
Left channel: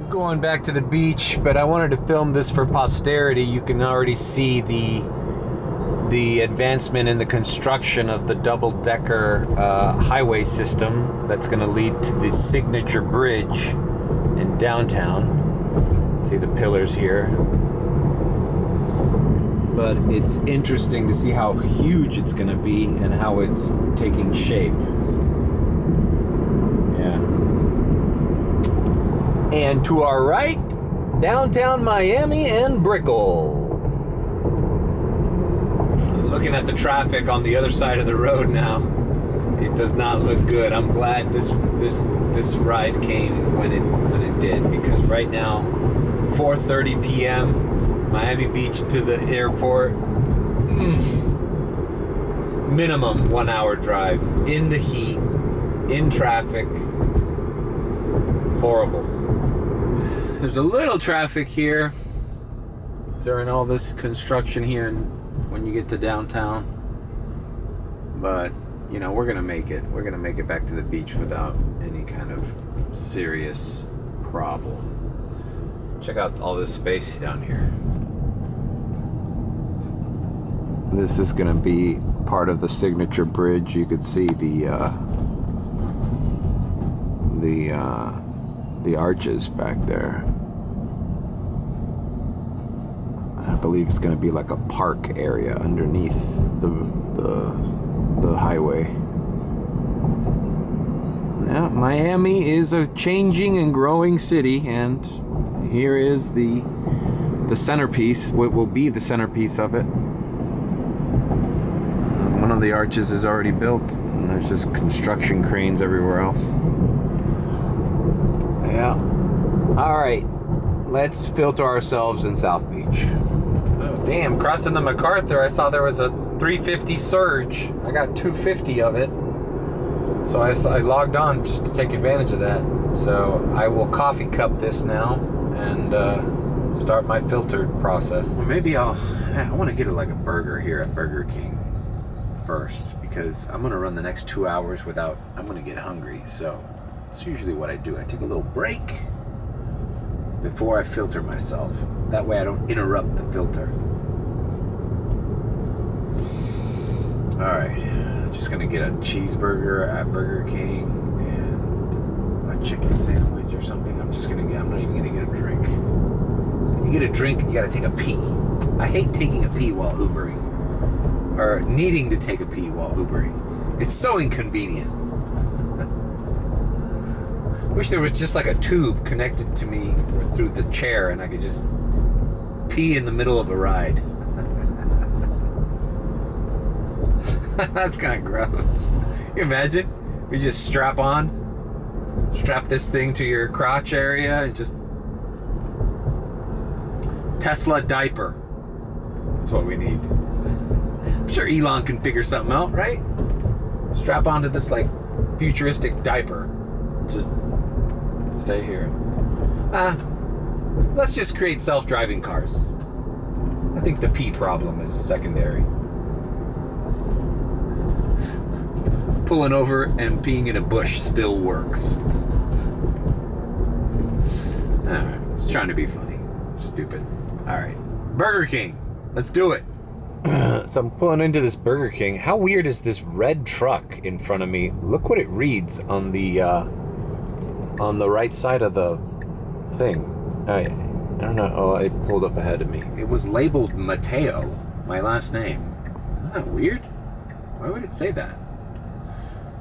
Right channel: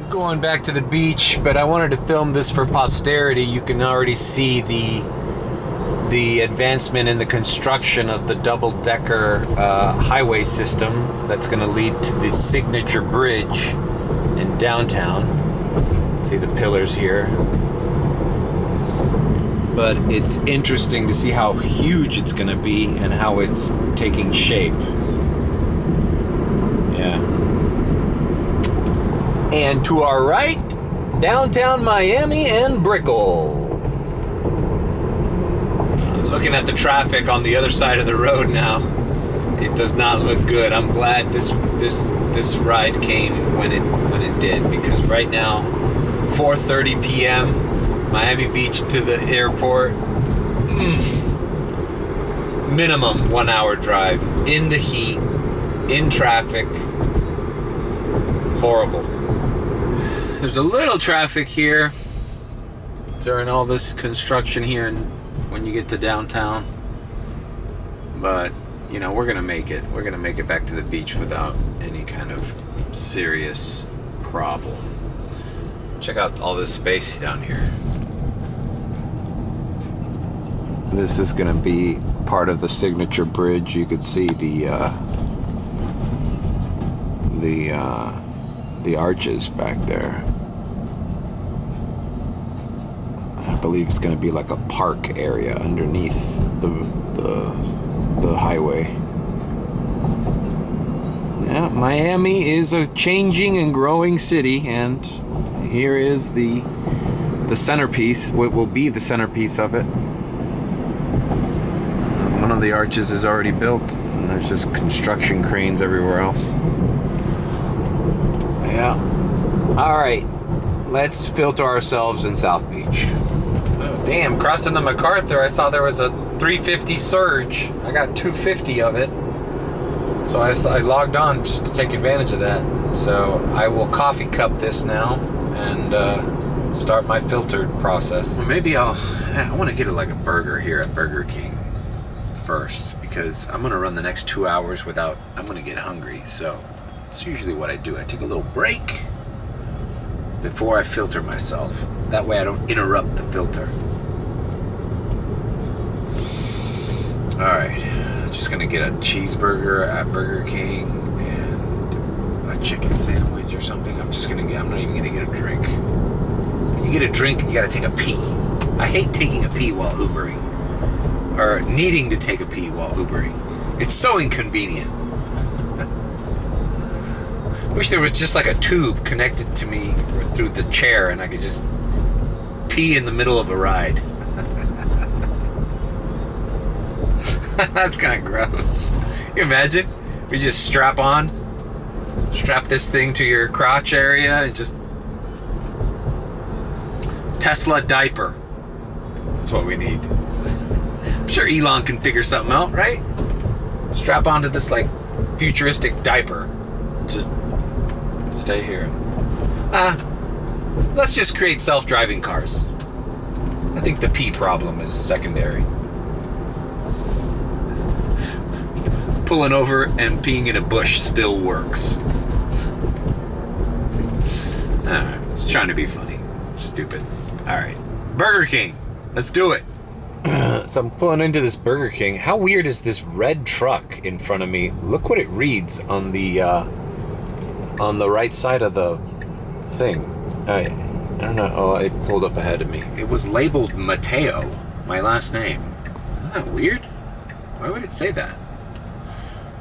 Going back to the beach, but I wanted to film this for posterity. You can already see the advancement in the construction of the double-decker highway system that's going to lead to the signature bridge in downtown. See the pillars here. But it's interesting to see how huge it's going to be and how it's taking shape. Yeah. And to our right, downtown Miami and Brickell. Looking at the traffic on the other side of the road now, it does not look good. I'm glad this ride came when it did, because right now, 4:30 p.m., Miami Beach to the airport, minimum 1 hour drive in the heat, in traffic, horrible. There's a little traffic here during all this construction here when you get to downtown, but you know, we're gonna make it back to the beach without any kind of serious problem. Check out all this space down here. This is gonna be part of the signature bridge. You could see the arches back there. I believe it's going to be like a park area underneath the highway. Yeah, Miami is a changing and growing city, and here is the centerpiece, what will be the centerpiece of it. One of the arches is already built, and there's just construction cranes everywhere else. Yeah. All right, let's filter ourselves in South Beach. Oh, damn, crossing the MacArthur, I saw there was a 350 surge. I got 250 of it. So I logged on just to take advantage of that. So I will coffee cup this now and start my filtered process. Or maybe I want to get like a burger here at Burger King first, because I'm going to run the next 2 hours without, I'm going to get hungry. So it's usually what I do. I take a little break before I filter myself. That way I don't interrupt the filter. Alright, just gonna get a cheeseburger at Burger King and a chicken sandwich or something. I'm not even gonna get a drink. When you get a drink, you gotta take a pee. I hate taking a pee while Ubering. Or needing to take a pee while Ubering. It's so inconvenient. Wish there was just like a tube connected to me through the chair and I could just pee in the middle of a ride. That's kind of gross. Can you imagine? We just strap this thing to your crotch area and just Tesla diaper. That's what we need. I'm sure Elon can figure something out, right? Strap onto this like futuristic diaper. Just stay here. Let's just create self-driving cars. I think the pee problem is secondary. Pulling over and peeing in a bush still works. Alright, it's trying to be funny. Stupid. Alright, Burger King. Let's do it. So I'm pulling into this Burger King. How weird is this red truck in front of me? Look what it reads on the right side of the thing. I don't know. Oh, it pulled up ahead of me. It was labeled Mateo, my last name. Isn't that weird? Why would it say that?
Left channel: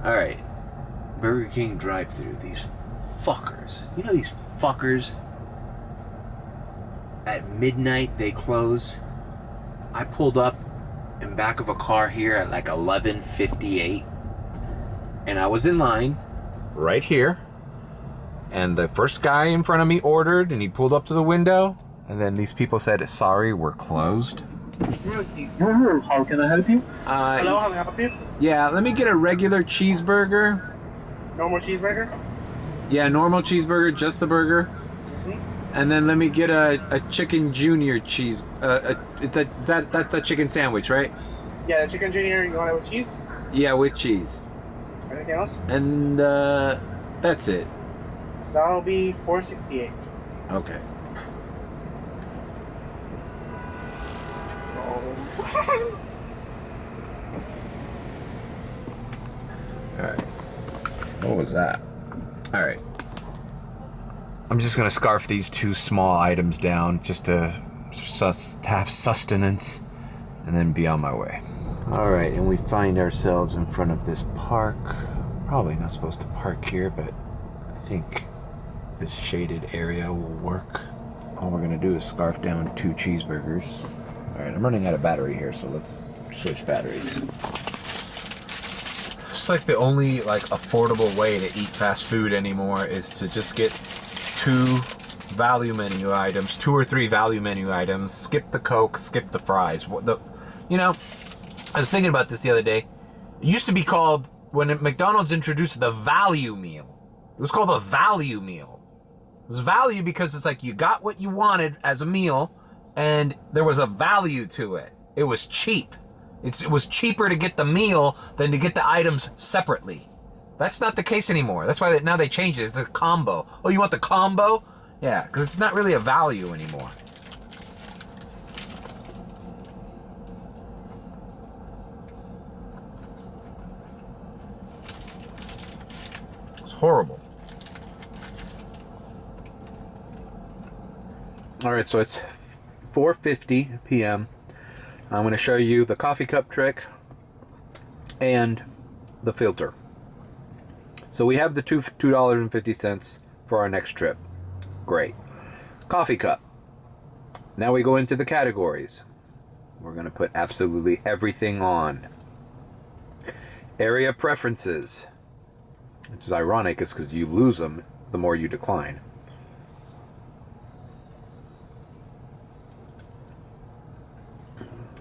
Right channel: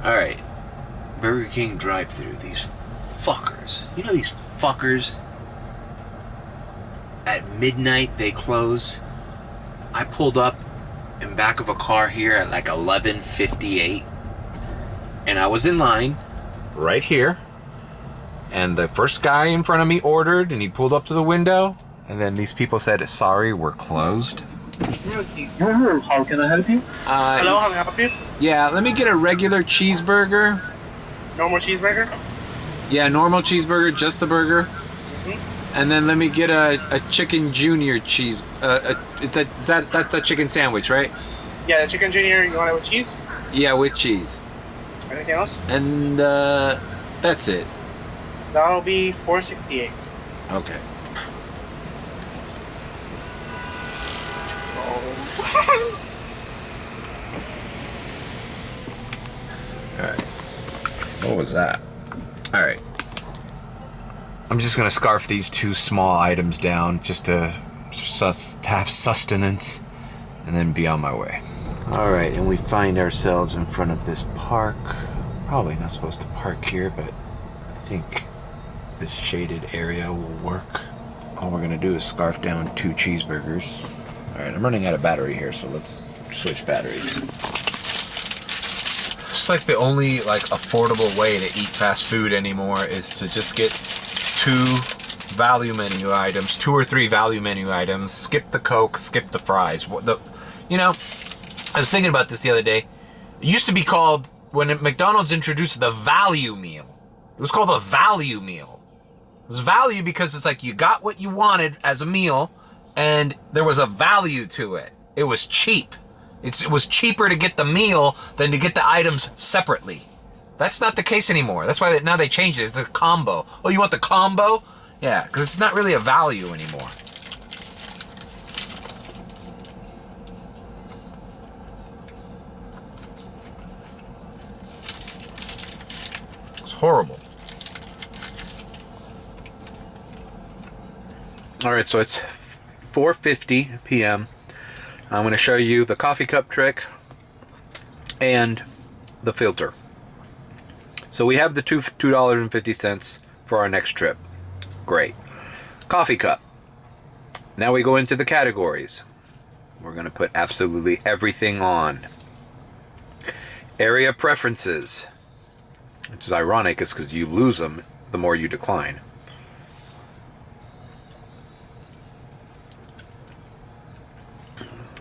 Alright. Burger King drive-thru. These fuckers. You know these fuckers? At midnight they close. I pulled up in back of a car here at like 11:58. And I was in line right here. And the first guy in front of me ordered, and he pulled up to the window, and then these people said, "Sorry, we're closed." How can I help you? Hello, how can I help you? Yeah, let me get a regular cheeseburger. Normal cheeseburger? Yeah, normal cheeseburger, just the burger. Mm-hmm. And then let me get a chicken junior cheese. That's a chicken sandwich, right? Yeah, the chicken junior, you want it with cheese? Yeah, with cheese. Anything else? And that's it. That'll be $4.68. Okay. Alright. What was that? Alright. I'm just gonna scarf these two small items down just to have sustenance and then be on my way. Alright, and we find ourselves in front of this park. Probably not supposed to park here, but I think this shaded area will work. All we're gonna do is scarf down 2 cheeseburgers. Alright, I'm running out of battery here, so let's switch batteries. It's like the only affordable way to eat fast food anymore is to just get 2 value menu items, 2 or 3 value menu items, skip the Coke, skip the fries. I was thinking about this the other day. It used to be called, when McDonald's introduced the value meal, it was called a value meal. It was value because it's like you got what you wanted as a meal and there was a value to it. It was cheap. It was cheaper to get the meal than to get the items separately. That's not the case anymore. That's why now they changed it. It's the combo. Oh, you want the combo? Yeah, because it's not really a value anymore. It's horrible. All right, so it's 4:50 p.m. I'm going to show you the coffee cup trick and the filter. So we have the $2.50 for our next trip. Great. Coffee cup. Now we go into the categories. We're going to put absolutely everything on. Area preferences, which is ironic, is because you lose them the more you decline.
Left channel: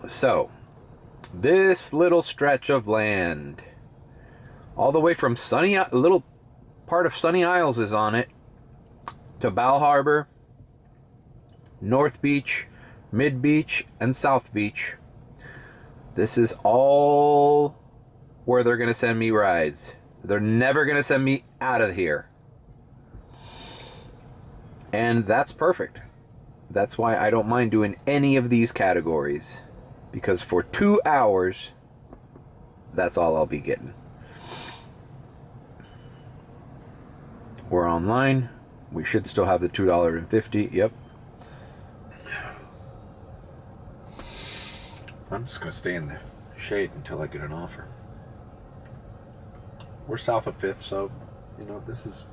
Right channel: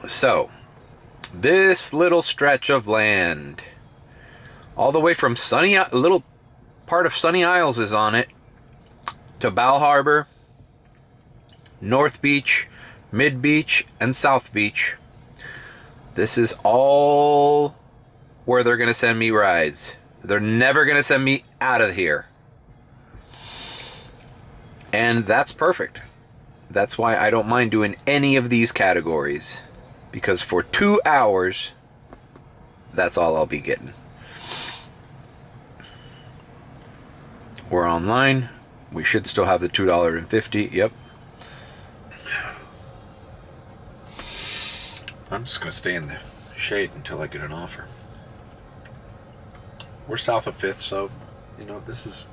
So, this little stretch of land, all the way from a little part of Sunny Isles is on it, to Bal Harbor, North Beach, Mid Beach, and South Beach. This is all where they're going to send me rides. They're never going to send me out of here. And that's perfect. That's why I don't mind doing any of these categories. Because for 2 hours, that's all I'll be getting. We're online. We should still have the $2.50. Yep. I'm just going to stay in the shade until I get an offer. We're south of 5th, so, you know, this is...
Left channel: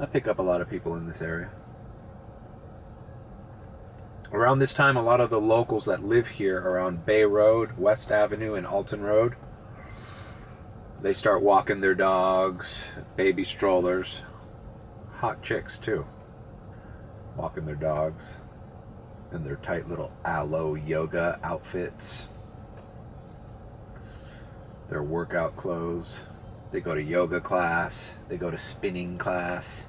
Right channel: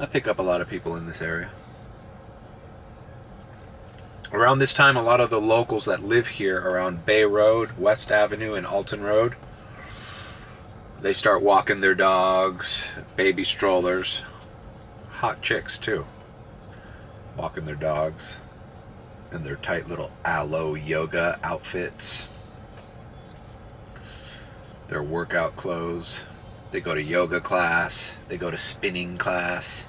I pick up a lot of people in this area. Around this time, a lot of the locals that live here around Bay Road, West Avenue, and Alton Road, they start walking their dogs, baby strollers. Hot chicks, too. Walking their dogs in their tight little aloe yoga outfits. Their workout clothes. They go to yoga class. They go to spinning class.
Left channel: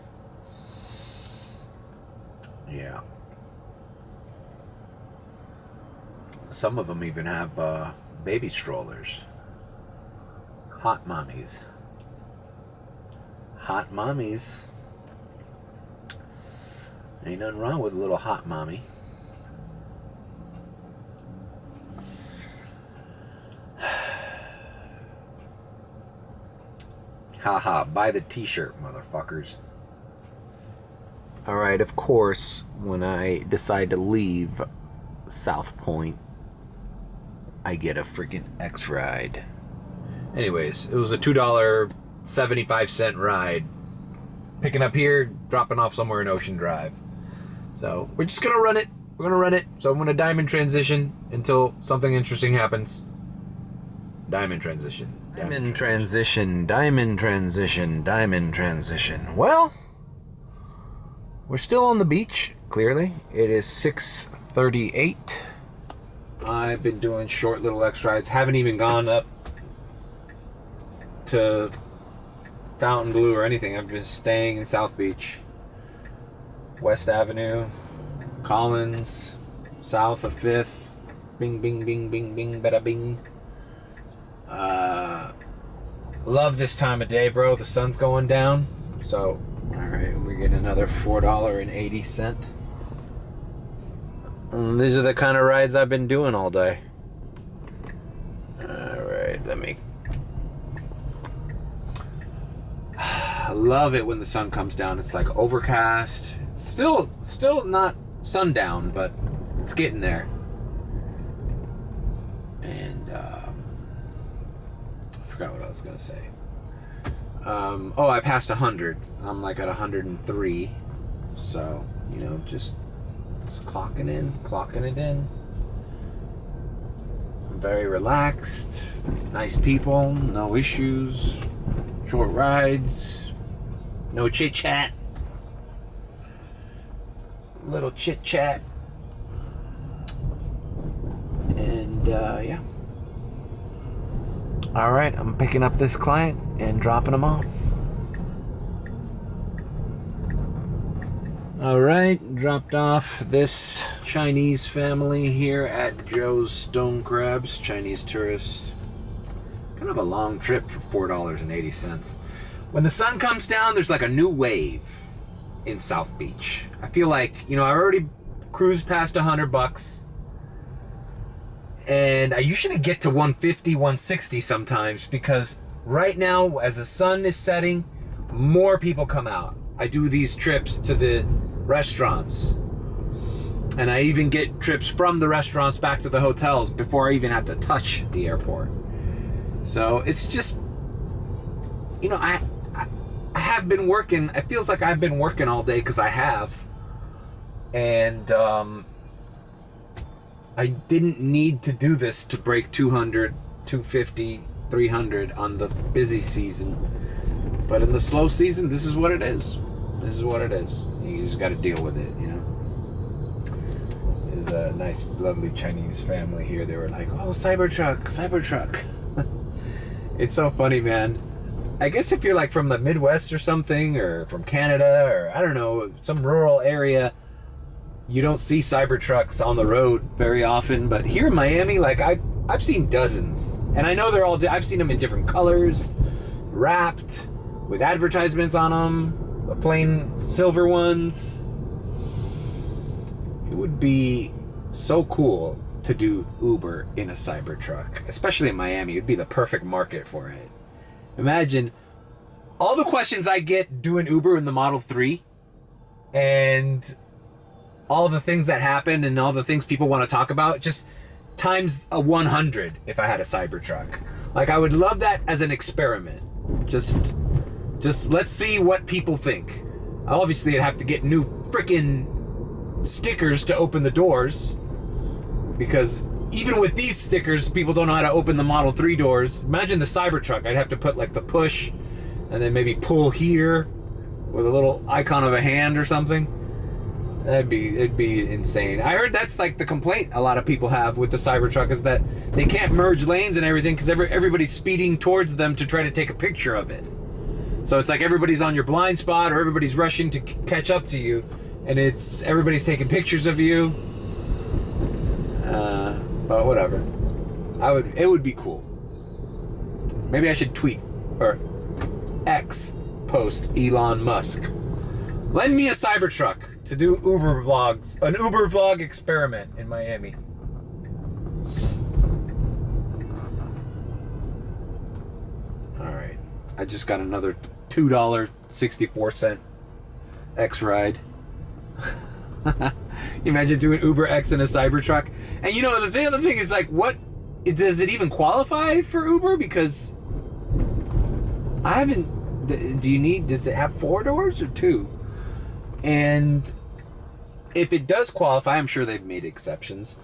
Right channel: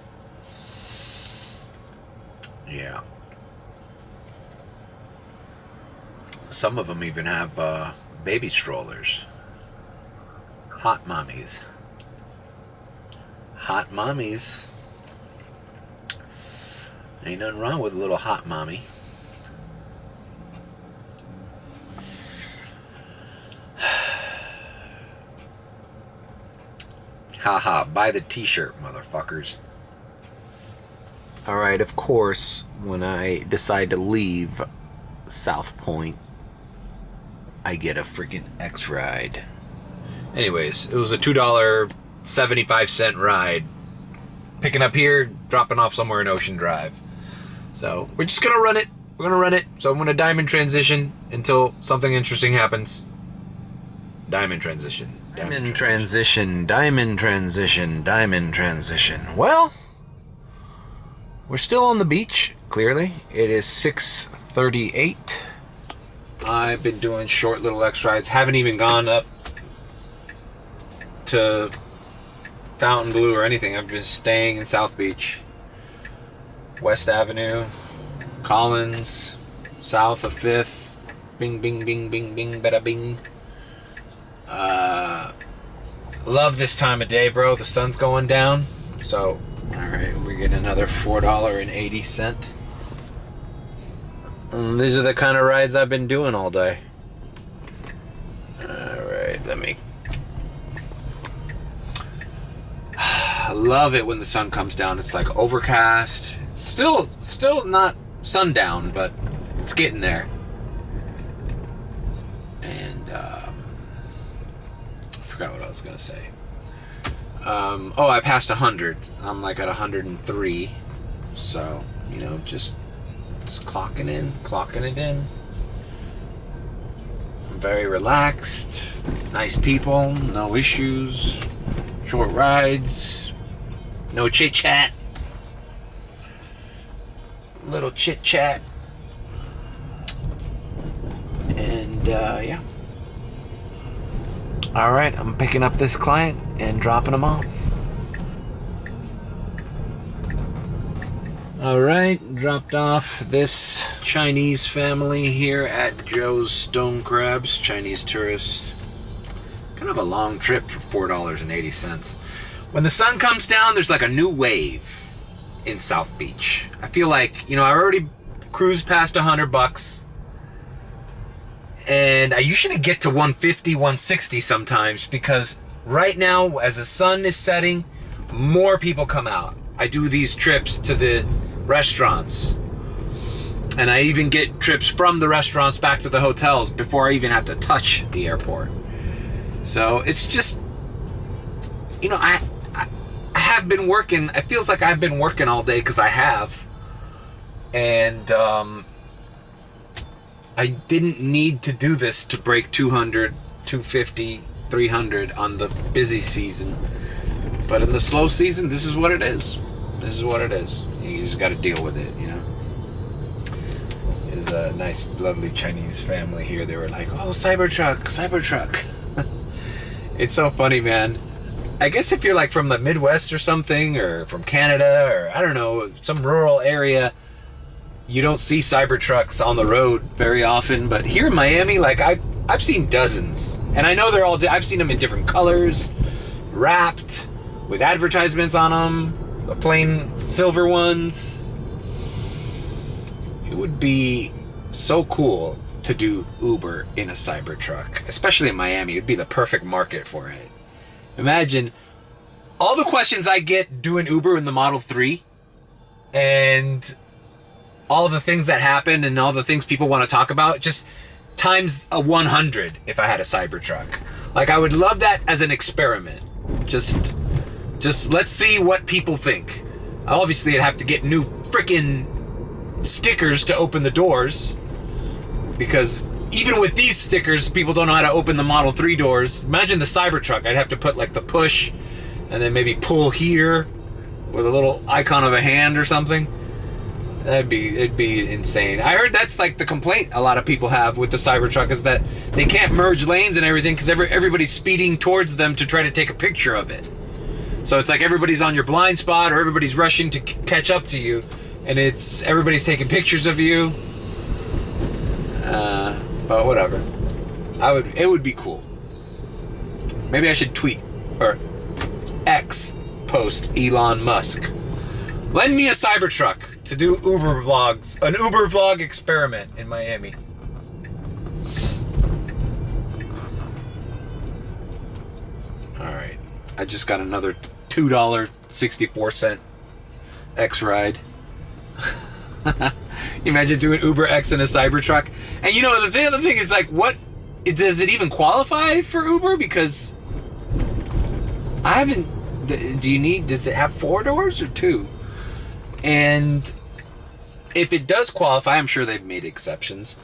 Yeah. Some of them even have baby strollers. Hot mommies. Hot mommies. Ain't nothing wrong with a little hot mommy. Haha, buy the t-shirt, motherfuckers. Alright, of course, when I decide to leave South Point, I get a freaking X ride. Anyways, it was a $2.75 ride. Picking up here, dropping off somewhere in Ocean Drive. So, we're just gonna run it. We're gonna run it. So I'm gonna diamond transition until something interesting happens. Diamond transition. Diamond transition. Diamond transition. Diamond transition. Well, we're still on the beach, clearly. It is 6:38. I've been doing short little X rides. Haven't even gone up to Fontainebleau or anything. I'm just staying in South Beach. West Avenue, Collins, south of 5th. Bing, bing, bing, bing, bing, bada bing. Love this time of day, bro. The sun's going down. So, alright, we're getting another $4.80. And these are the kind of rides I've been doing all day. Alright, let me... I love it when the sun comes down. It's like overcast. It's still not sundown, but it's getting there. And I forgot what I was gonna say. Oh, I passed 100. I'm like at 103. So, you know, just clocking it in. I'm very relaxed. Nice people, no issues. Short rides. No chit chat. Little chit chat. And yeah. Alright, I'm picking up this client and dropping him off. Alright, dropped off this Chinese family here at Joe's Stone Crabs, Chinese tourist. Kind of a long trip for $4.80. When the sun comes down, there's like a new wave in South Beach. I feel like, you know, I already cruised past $100. And I usually get to 150, 160 sometimes because right now, as the sun is setting, more people come out. I do these trips to the restaurants. And I even get trips from the restaurants back to the hotels before I even have to touch the airport. So it's just, you know, I have been working. It feels like I've been working all day because I have. And I didn't need to do this to break 200, 250, 300 on the busy season. But in the slow season, this is what it is. This is what it is. You just got to deal with it, you know. There's a nice, lovely Chinese family here. They were like, oh, Cybertruck. It's so funny, man. I guess if you're like from the Midwest or something, or from Canada, or I don't know, some rural area, you don't see Cybertrucks on the road very often, but here in Miami, like I've seen dozens, and I know they're all. I've seen them in different colors, wrapped with advertisements on them, the plain silver ones. It would be so cool to do Uber in a Cybertruck, especially in Miami. It'd be the perfect market for it. Imagine all the questions I get doing Uber in the Model 3, and all the things that happen and all the things people want to talk about, just times a 100 if I had a Cybertruck. Like, I would love that as an experiment. Just let's see what people think. Obviously, I'd have to get new freaking stickers to open the doors, because even with these stickers, people don't know how to open the Model 3 doors. Imagine the Cybertruck. I'd have to put like the push and then maybe pull here with a little icon of a hand or something. It'd be insane. I heard that's like the complaint a lot of people have with the Cybertruck, is that they can't merge lanes and everything because everybody's speeding towards them to try to take a picture of it. So it's like everybody's on your blind spot, or everybody's rushing to catch up to you, and everybody's taking pictures of you. But whatever. It would be cool. Maybe I should tweet or X post Elon Musk. Lend me a Cybertruck to do Uber vlogs, an Uber vlog experiment in Miami. All right, I just got another $2.64 X ride. Imagine doing Uber X in a Cybertruck. And you know, the other thing is, like, does it even qualify for Uber? Because I haven't, does it have 4 doors or 2? And if it does qualify, I'm sure they've made exceptions.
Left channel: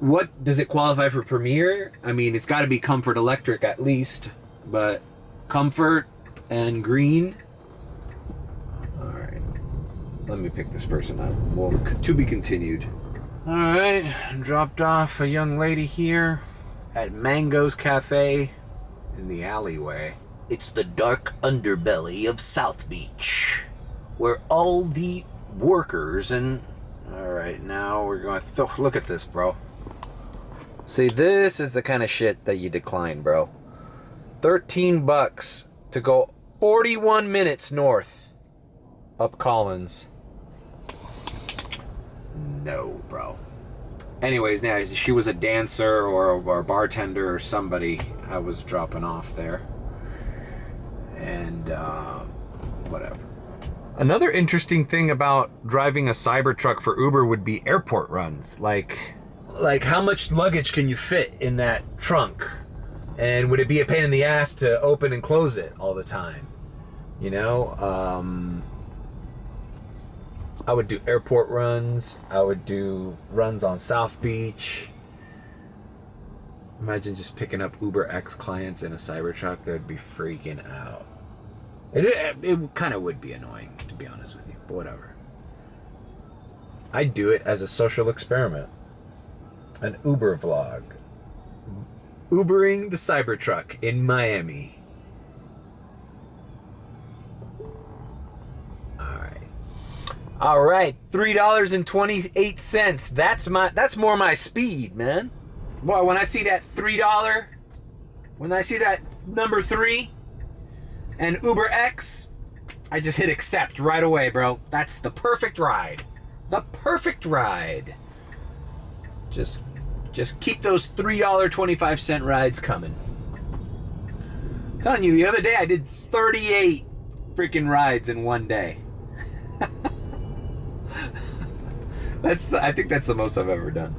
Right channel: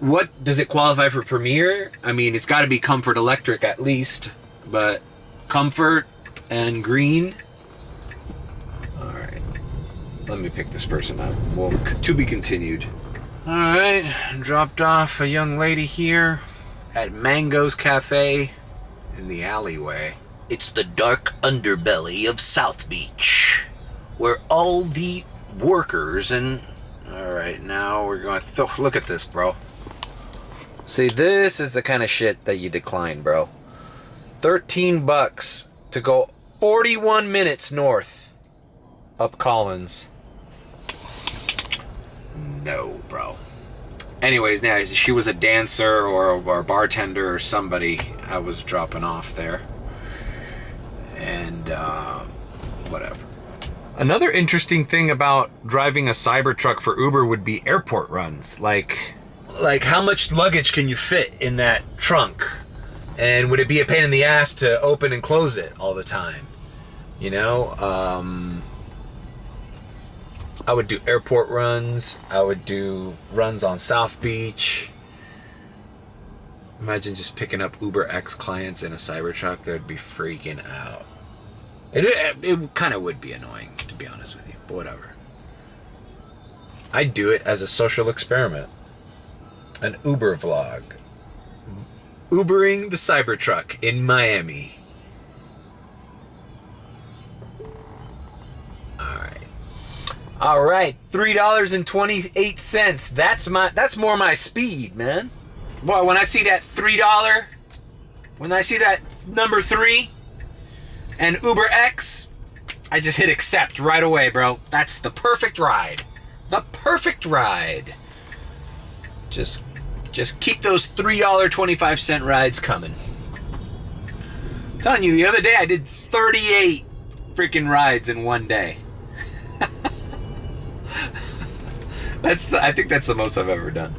What does it qualify for Premier? I mean, it's got to be Comfort Electric at least, but Comfort and green. All right, let me pick this person up. Well, to be continued. All right, dropped off a young lady here at Mango's Cafe in the alleyway. It's the dark underbelly of South Beach, where all the workers and... All right, now we're going to look at this, bro. See, this is the kind of shit that you decline, bro. $13 to go 41 minutes north up Collins. No, bro. Anyways, now she was a dancer or a bartender or somebody I was dropping off there. And whatever. Another interesting thing about driving a Cybertruck for Uber would be airport runs. Like how much luggage can you fit in that trunk? And would it be a pain in the ass to open and close it all the time? You know, I would do airport runs. I would do runs on South Beach. Imagine just picking up Uber X clients in a Cybertruck. They'd be freaking out. It kind of would be annoying, to be honest with you, but whatever. I'd do it as a social experiment. An Uber vlog. Ubering the Cybertruck in Miami. All right, $3.28. That's more my speed, man. Boy, when I see that $3, when I see that number 3 and Uber X, I just hit accept right away, bro. That's the perfect ride. The perfect ride. Just keep those $3.25 rides coming. I'm telling you, the other day I did 38 freaking rides in one day. I think that's the most I've ever done.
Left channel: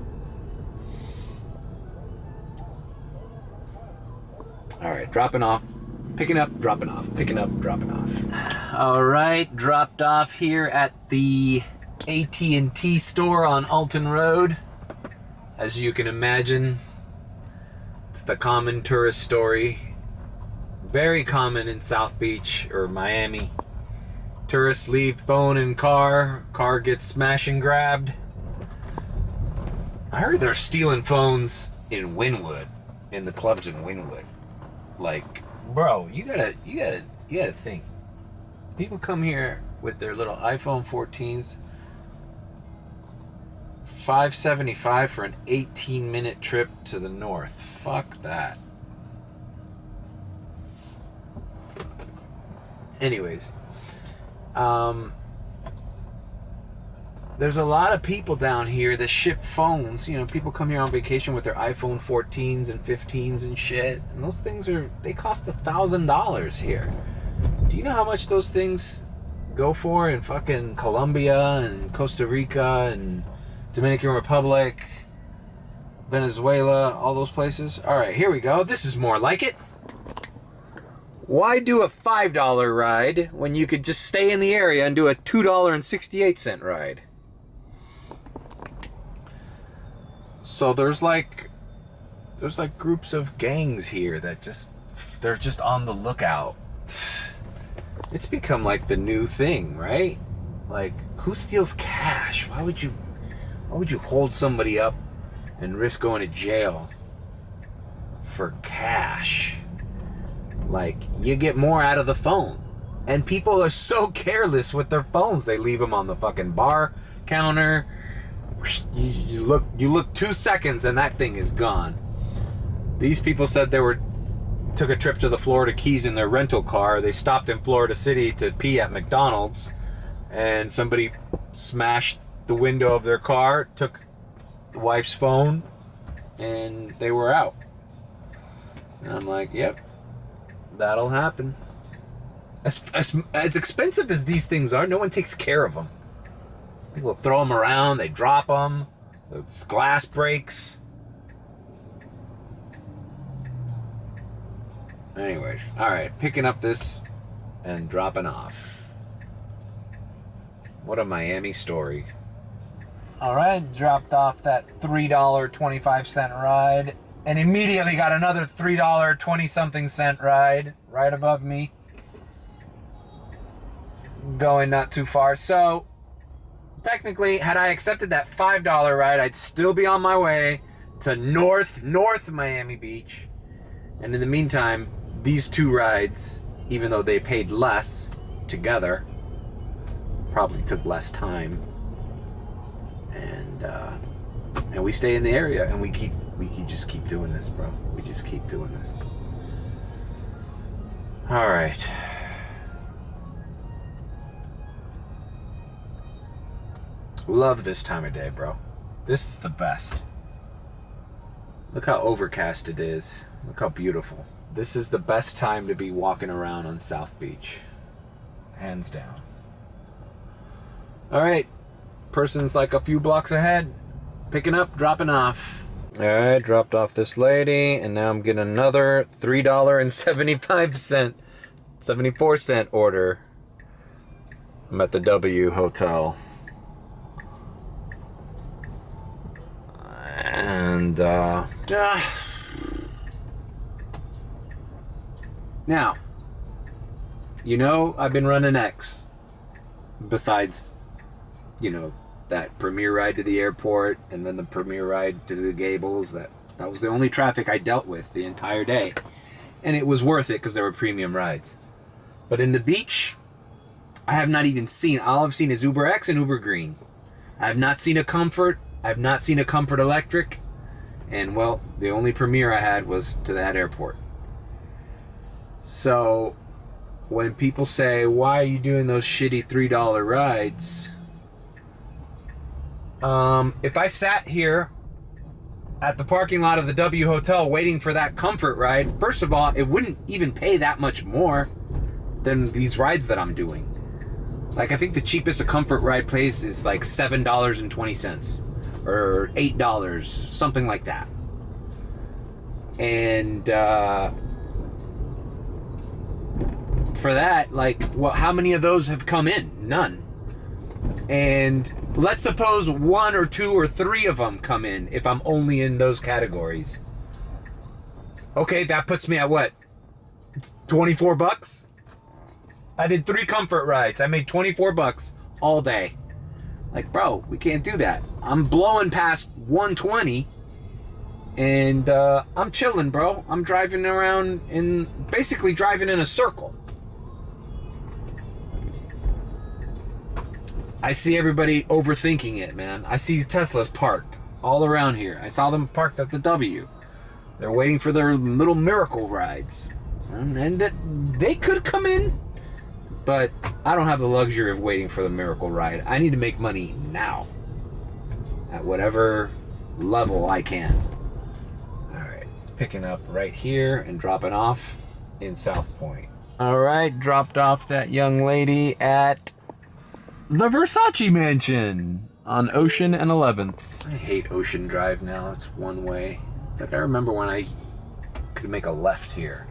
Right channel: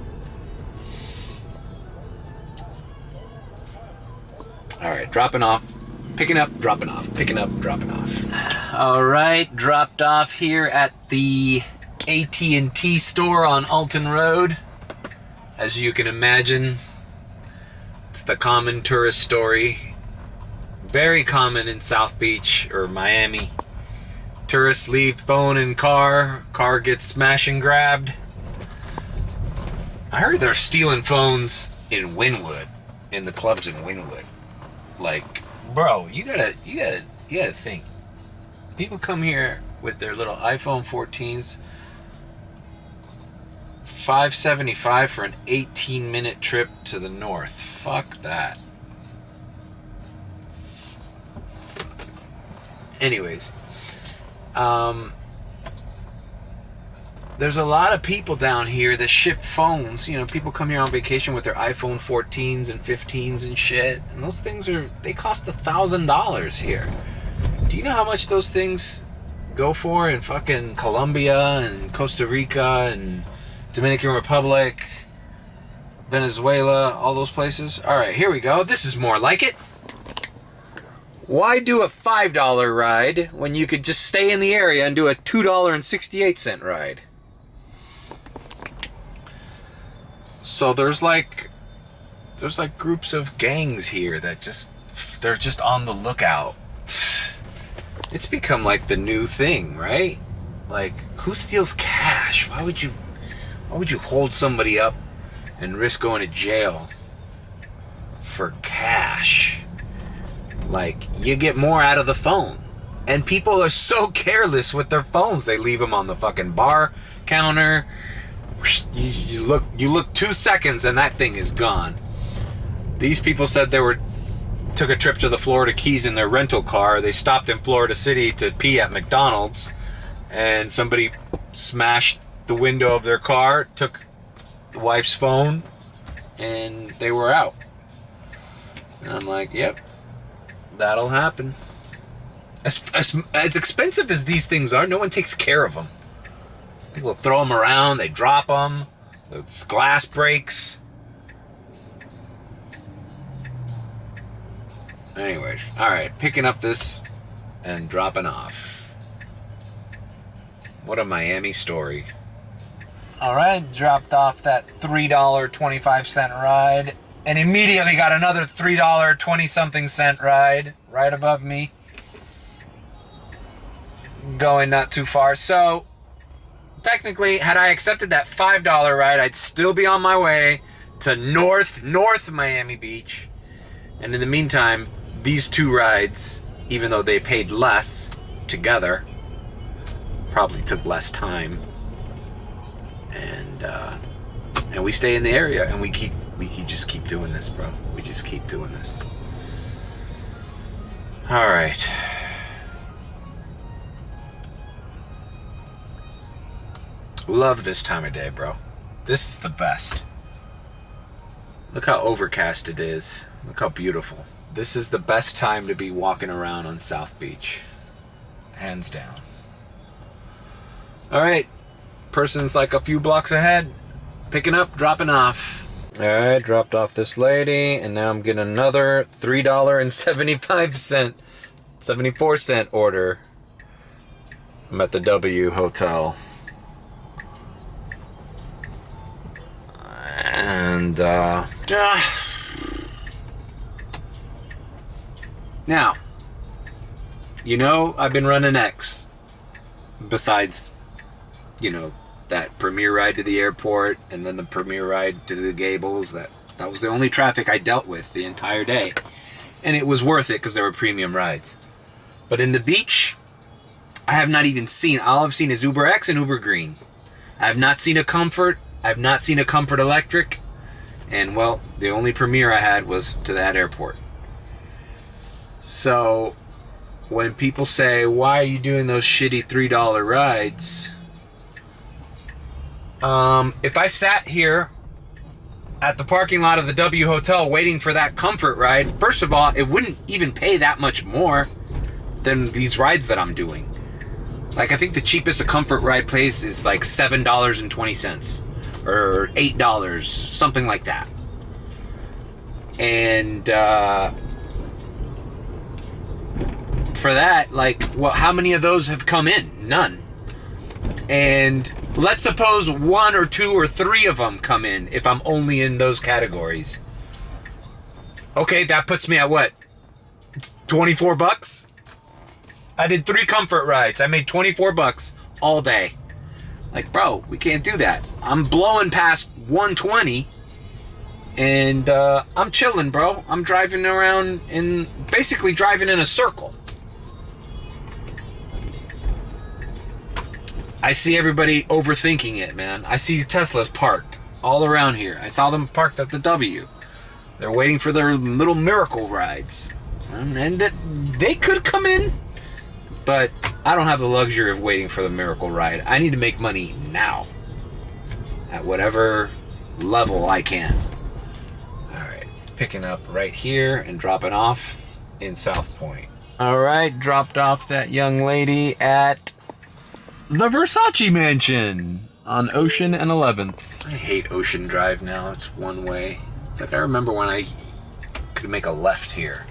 All right, dropping off, picking up, dropping off, picking up, dropping off. All right, dropped off here at the AT&T store on Alton Road. As you can imagine, it's the common tourist story. Very common in South Beach or Miami. Tourists leave phone in car gets smashed and grabbed. I heard they're stealing phones in Wynwood, in the clubs in Wynwood. Like, bro, you gotta think. People come here with their little iPhone 14s, $5.75 for an 18-minute trip to the north. Fuck that. Anyways, there's a lot of people down here that ship phones. You know, people come here on vacation with their iPhone 14s and 15s and shit, and those things they cost $1,000 here. Do you know how much those things go for in fucking Colombia and Costa Rica and Dominican Republic, Venezuela, all those places? All right, here we go. This is more like it. Why do a $5 ride when you could just stay in the area and do a $2.68 ride? So there's like groups of gangs here that they're just on the lookout. It's become like the new thing, right? Like, who steals cash? Why would you hold somebody up and risk going to jail for cash? Like, you get more out of the phone. And people are so careless with their phones. They leave them on the fucking bar counter. You look 2 seconds and that thing is gone. These people said took a trip to the Florida Keys in their rental car. They stopped in Florida City to pee at McDonald's, and somebody smashed the window of their car, took the wife's phone, and they were out. And I'm like, yep, that'll happen. As expensive as these things are, no one takes care of them. People throw them around, they drop them, the glass breaks. Anyways, alright, picking up this and dropping off. What a Miami story. Alright, dropped off that $3.25 ride and immediately got another $3.20-something ride right above me. Going not too far. So, technically, had I accepted that $5 ride, I'd still be on my way to North Miami Beach. And in the meantime, these two rides, even though they paid less together, probably took less time. And we stay in the area, and we just keep doing this, bro. We just keep doing this. All right. Love this time of day, bro. This is the best. Look how overcast it is. Look how beautiful. This is the best time to be walking around on South Beach. Hands down. Alright. Person's like a few blocks ahead. Picking up, dropping off. Alright, dropped off this lady, and now I'm getting another $3.75, 74-cent order. I'm at the W Hotel. And, now, you know, I've been running X. Besides, you know, that premiere ride to the airport and then the premiere ride to the Gables. That was the only traffic I dealt with the entire day. And it was worth it because there were premium rides. But in the beach, I have not even seen, all I've seen is Uber X and Uber Green. I have not seen a Comfort. I've not seen a Comfort Electric. And, well, the only premiere I had was to that airport. So, when people say, why are you doing those shitty $3 rides? If I sat here at the parking lot of the W Hotel waiting for that Comfort ride, first of all, it wouldn't even pay that much more than these rides that I'm doing. Like, I think the cheapest a Comfort ride pays is like $7.20 or $8, something like that. And for that, like, well, how many of those have come in? None. And let's suppose 1 or 2 or 3 of them come in if I'm only in those categories. Okay, that puts me at what? $24? I did 3 Comfort rides. I made $24 all day. Like, bro, we can't do that. I'm blowing past 120 and I'm chilling, bro. I'm driving around basically driving in a circle. I see everybody overthinking it, man. I see Teslas parked all around here. I saw them parked at the W. They're waiting for their little miracle rides. And they could come in, but I don't have the luxury of waiting for the miracle ride. I need to make money now at whatever level I can. All right, picking up right here and dropping off in South Point. All right, dropped off that young lady at the Versace Mansion on Ocean and 11th. I hate Ocean Drive now. It's one way. It's like I remember when I could make a left here.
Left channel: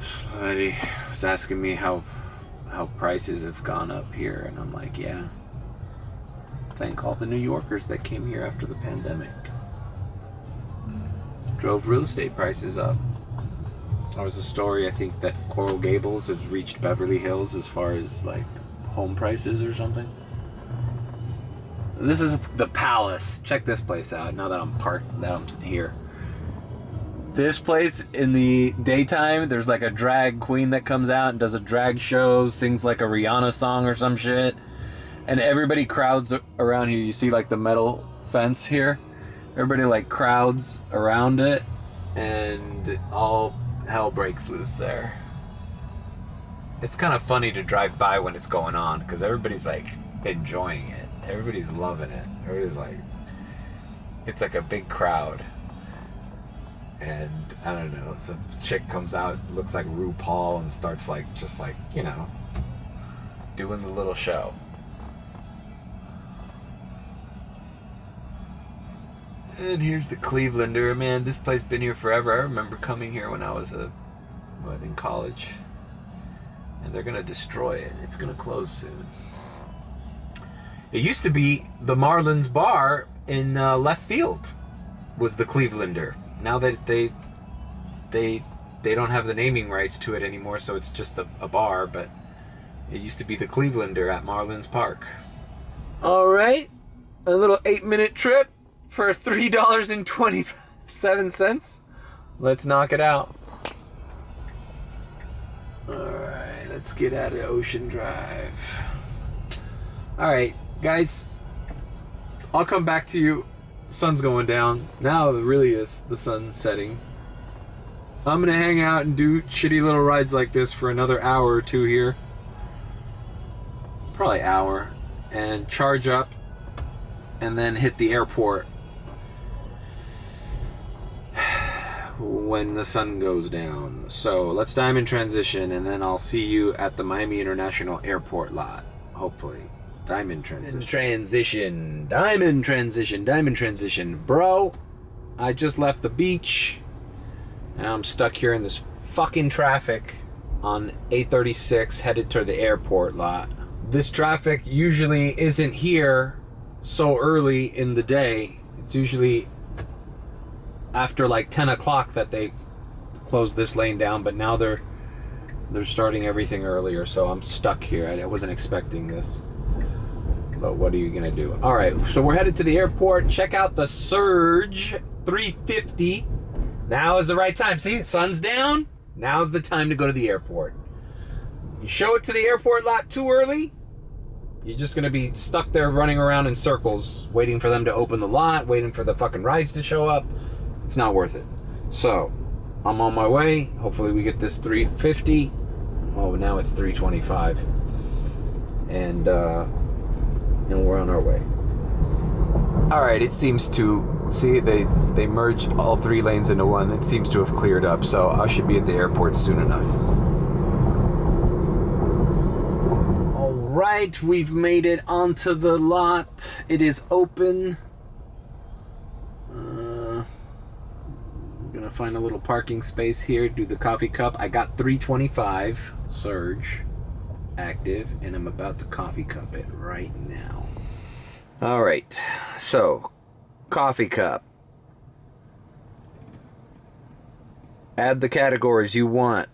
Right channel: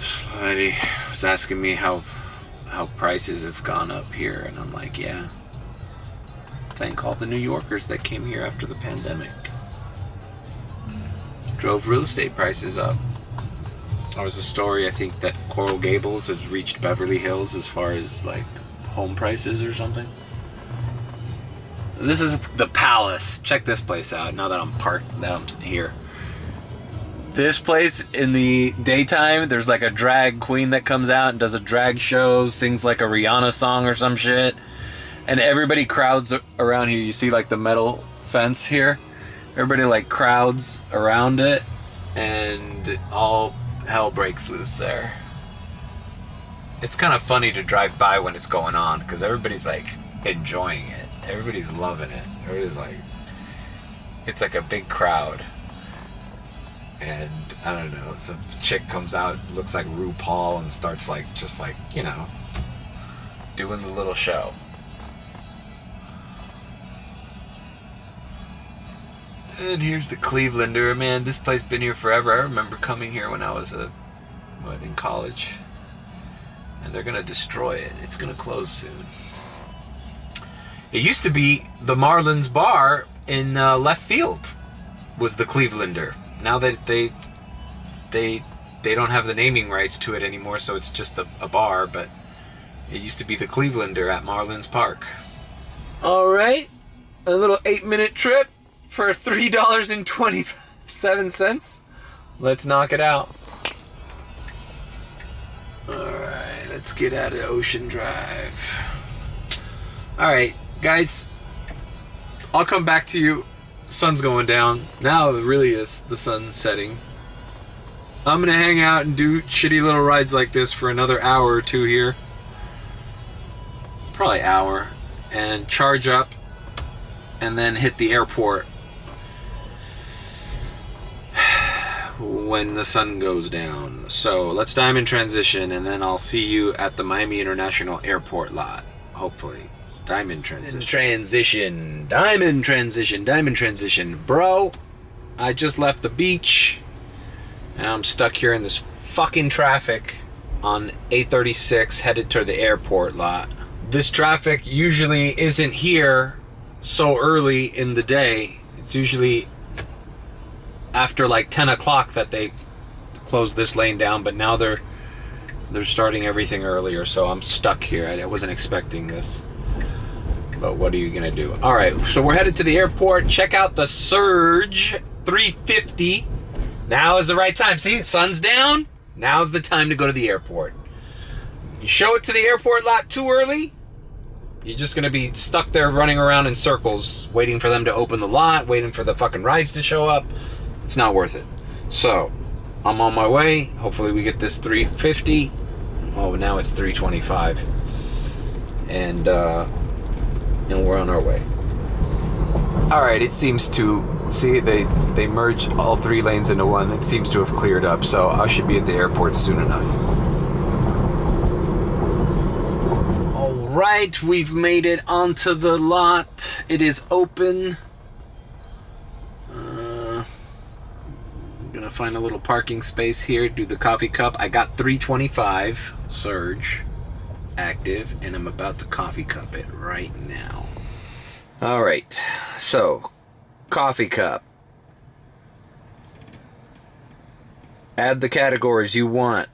Somebody was asking me how prices have gone up here, and I'm like, yeah. Thank all the New Yorkers that came here after the pandemic. Drove real estate prices up. There was a story, I think, that Coral Gables has reached Beverly Hills as far as like home prices or something. This is the Palace. Check this place out now that I'm here. This place, in the daytime, there's like a drag queen that comes out and does a drag show, sings like a Rihanna song or some shit. And everybody crowds around here. You see like the metal fence here? Everybody like crowds around it, and all hell breaks loose there. It's kind of funny to drive by when it's going on, because everybody's like enjoying it. Everybody's loving it. Everybody's like, it's like a big crowd. And I don't know, some chick comes out, looks like RuPaul, and starts like, just like, you know, doing the little show. And here's the Clevelander. Man, this place been here forever. I remember coming here when I was in college. And they're gonna destroy it. It's gonna close soon. It used to be the Marlins Bar in left field was the Clevelander. Now that they don't have the naming rights to it anymore, so it's just a bar, but it used to be the Clevelander at Marlins Park. All right, a little 8-minute trip for $3.27. Let's knock it out. All right, let's get out of Ocean Drive. All right, guys, I'll come back to you. Sun's going down. Now it really is the sun setting. I'm gonna hang out and do shitty little rides like this for another hour or two here. Probably hour. And charge up and then hit the airport when the sun goes down. So let's diamond transition, and then I'll see you at the Miami International Airport lot, hopefully. Diamond transition. Diamond transition. Bro, I just left the beach and I'm stuck here in this fucking traffic on 836 headed to the airport lot. This traffic usually isn't here so early in the day. It's usually after like 10 o'clock that they close this lane down, but now they're starting everything earlier, so I'm stuck here. I wasn't expecting this. But what are you gonna do? All right, so we're headed to the airport. Check out the Surge 350. Now is the right time. See, sun's down. Now's the time to go to the airport. You show it to the airport lot too early, you're just gonna be stuck there running around in circles, waiting for them to open the lot, waiting for the fucking rides to show up. It's not worth it. So, I'm on my way. Hopefully we get this 350. Oh, now it's 325. And we're on our way. All right, it seems to, see, they merged all 3 lanes into one. It seems to have cleared up, so I should be at the airport soon enough. All right, we've made it onto the lot. It is open. I'm gonna find a little parking space here, do the coffee cup. I got 325 Surge active, and I'm about to coffee cup it right now. All right, so coffee cup. Add the categories you want.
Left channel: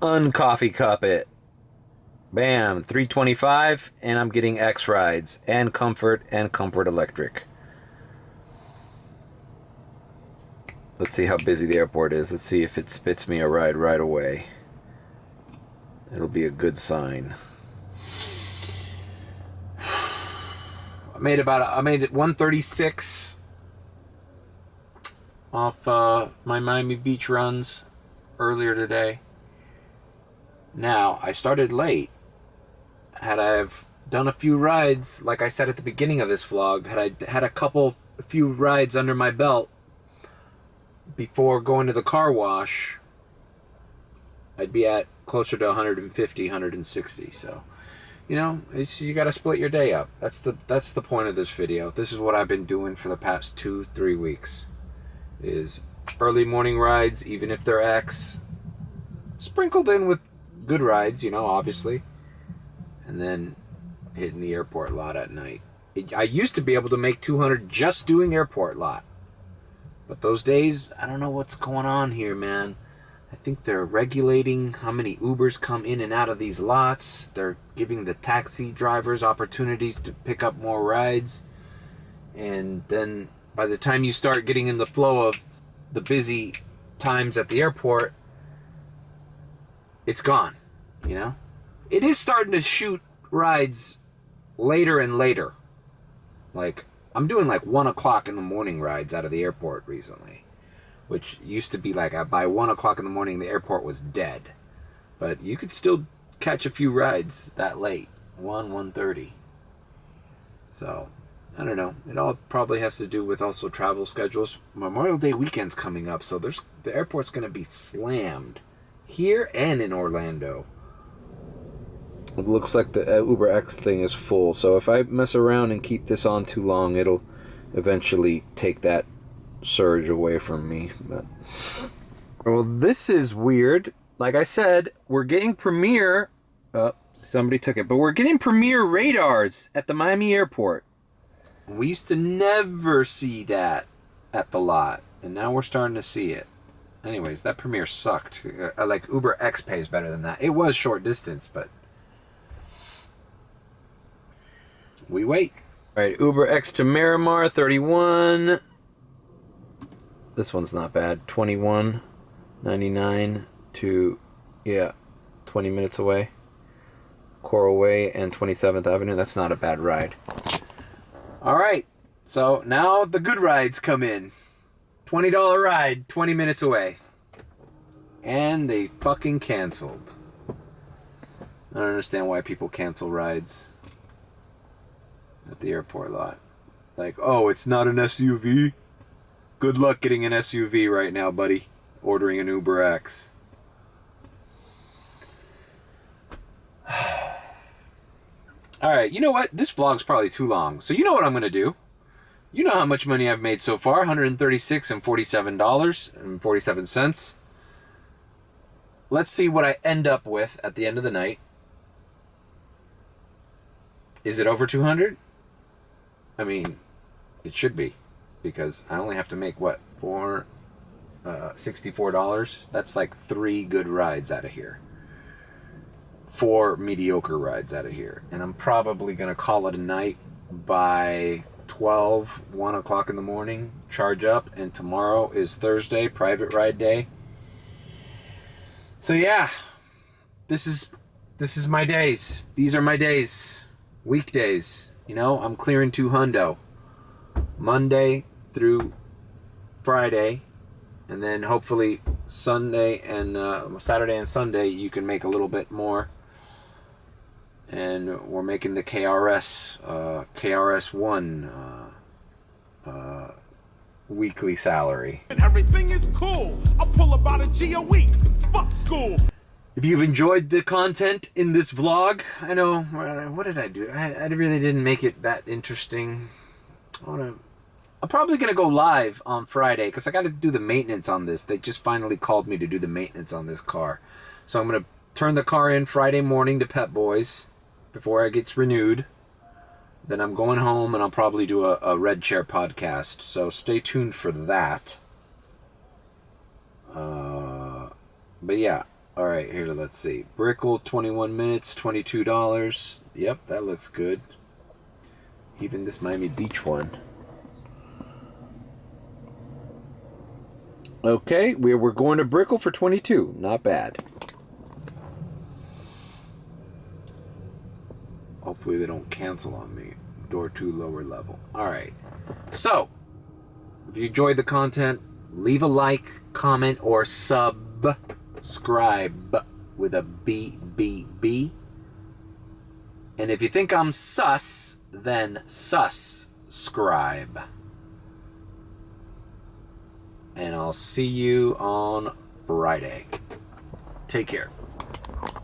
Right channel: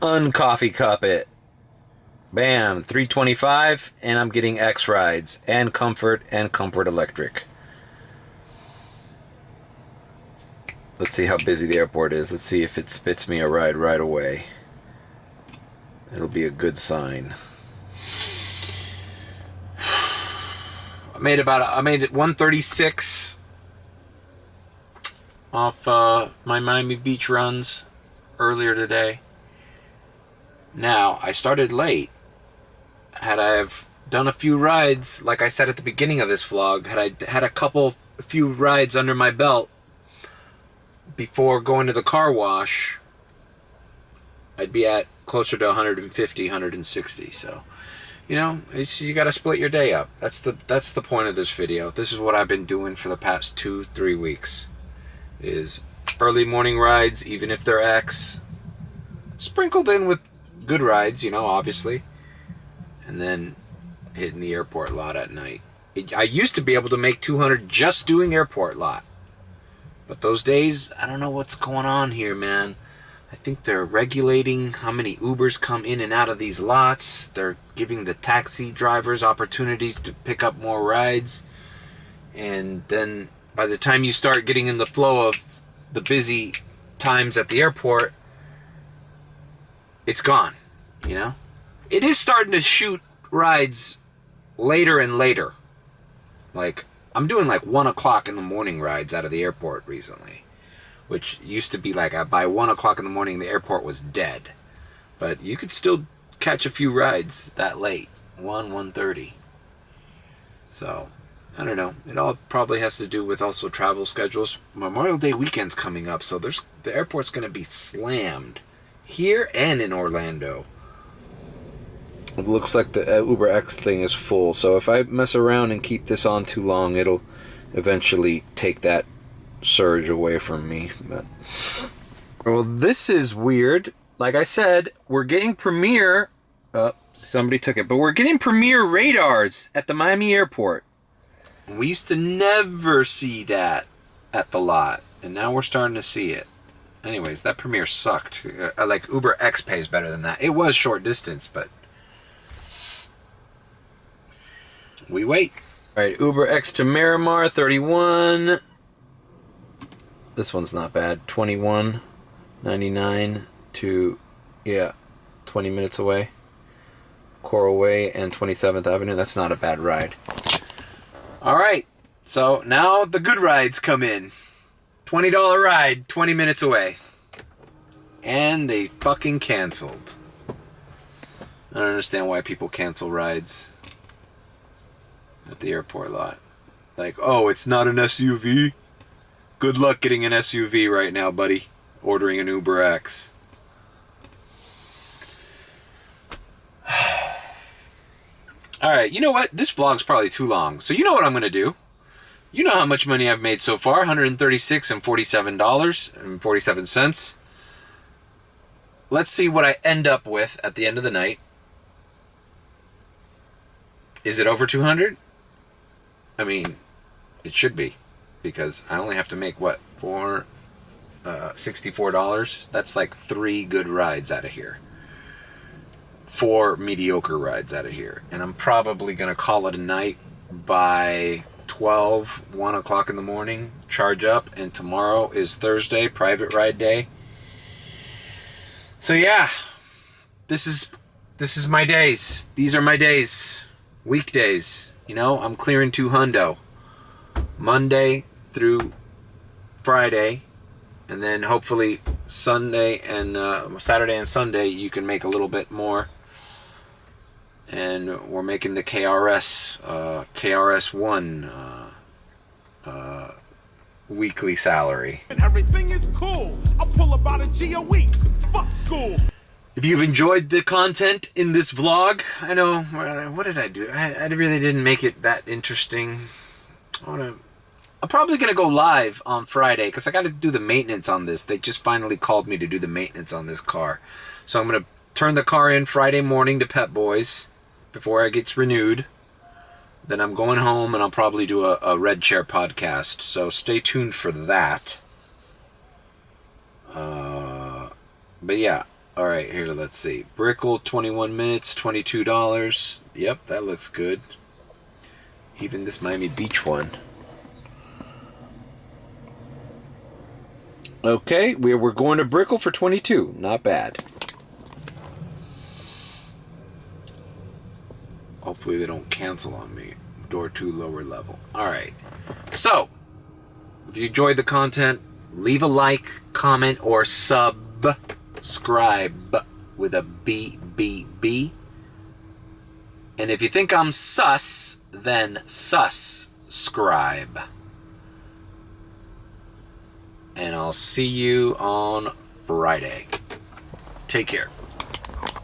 Uncoffee cup it. Bam, 325, and I'm getting X rides and Comfort Electric. Let's see how busy the airport is. Let's see if it spits me a ride right away. It'll be a good sign. I made it 136 off my Miami Beach runs earlier today. Now, I started late. Had I have done a few rides, like I said at the beginning of this vlog, had I had a few rides under my belt before going to the car wash, I'd be at closer to 150, 160. So, you know, you got to split your day up. That's the point of this video. This is what I've been doing for the past 2-3 weeks. Is early morning rides, even if they're X, sprinkled in with good rides, you know, obviously, and then hitting the airport lot at night. I used to be able to make 200 just doing airport lot, but those days, I don't know what's going on here, man. I think they're regulating how many Ubers come in and out of these lots. They're giving the taxi drivers opportunities to pick up more rides, and then by the time you start getting in the flow of the busy times at the airport, it's gone, you know? It is starting to shoot rides later and later. Like, I'm doing like 1 o'clock in the morning rides out of the airport recently, which used to be like by 1 o'clock in the morning, the airport was dead. But you could still catch a few rides that late, 1:30. So, I don't know. It all probably has to do with also travel schedules. Memorial Day weekend's coming up, so the airport's going to be slammed here and in Orlando. It looks like the Uber X thing is full, so if I mess around and keep this on too long, it'll eventually take that surge away from me. But well, this is weird. Like I said, we're getting Premier. Somebody took it, but we're getting Premier radars at the Miami airport. We used to never see that at the lot, and now we're starting to see it. Anyways, that Premier sucked. Like, Uber X pays better than that. It was short distance, but we wait. All right, Uber X to Miramar, 31. This one's not bad. 21.99 to, 20 minutes away. Coral Way and 27th Avenue. That's not a bad ride. All right, so now the good rides come in. $20 ride, 20 minutes away. And they fucking canceled. I don't understand why people cancel rides at the airport lot. Like, oh, it's not an SUV? Good luck getting an SUV right now, buddy. Ordering an Uber X. Alright, you know what? This vlog's probably too long. So you know what I'm going to do. You know how much money I've made so far. $136.47. Let's see what I end up with at the end of the night. Is it over 200? I mean, it should be. Because I only have to make, what, $64? That's like 3 good rides out of here. 4 mediocre rides out of here. And I'm probably going to call it a night by 1 o'clock in the morning. Charge up. And tomorrow is Thursday, private ride day. So yeah, this is my days. These are my days. Weekdays. You know, I'm clearing 2 hundo. Monday through Friday. And then hopefully Sunday and Saturday and Sunday you can make a little bit more. And we're making the KRS-One weekly salary. And everything is cool. I pull about a G a week. Fuck school. If you've enjoyed the content in this vlog, I know, what did I do? I really didn't make it that interesting. I'm probably going to go live on Friday because I got to do the maintenance on this. They just finally called me to do the maintenance on this car. So I'm going to turn the car in Friday morning to Pep Boys before it gets renewed. Then I'm going home and I'll probably do a rideshare podcast. So stay tuned for that. But yeah. All right, here, let's see. Brickell, 21 minutes, $22. Yep, that looks good. Even this Miami Beach one. Okay, we're going to Brickell for 22. Not bad. Hopefully they don't cancel on me. Door 2 lower level. All right. So, if you enjoyed the content, leave a like, comment, or subscribe with a B. And if you think I'm sus, then subscribe. And I'll see you on Friday. Take care.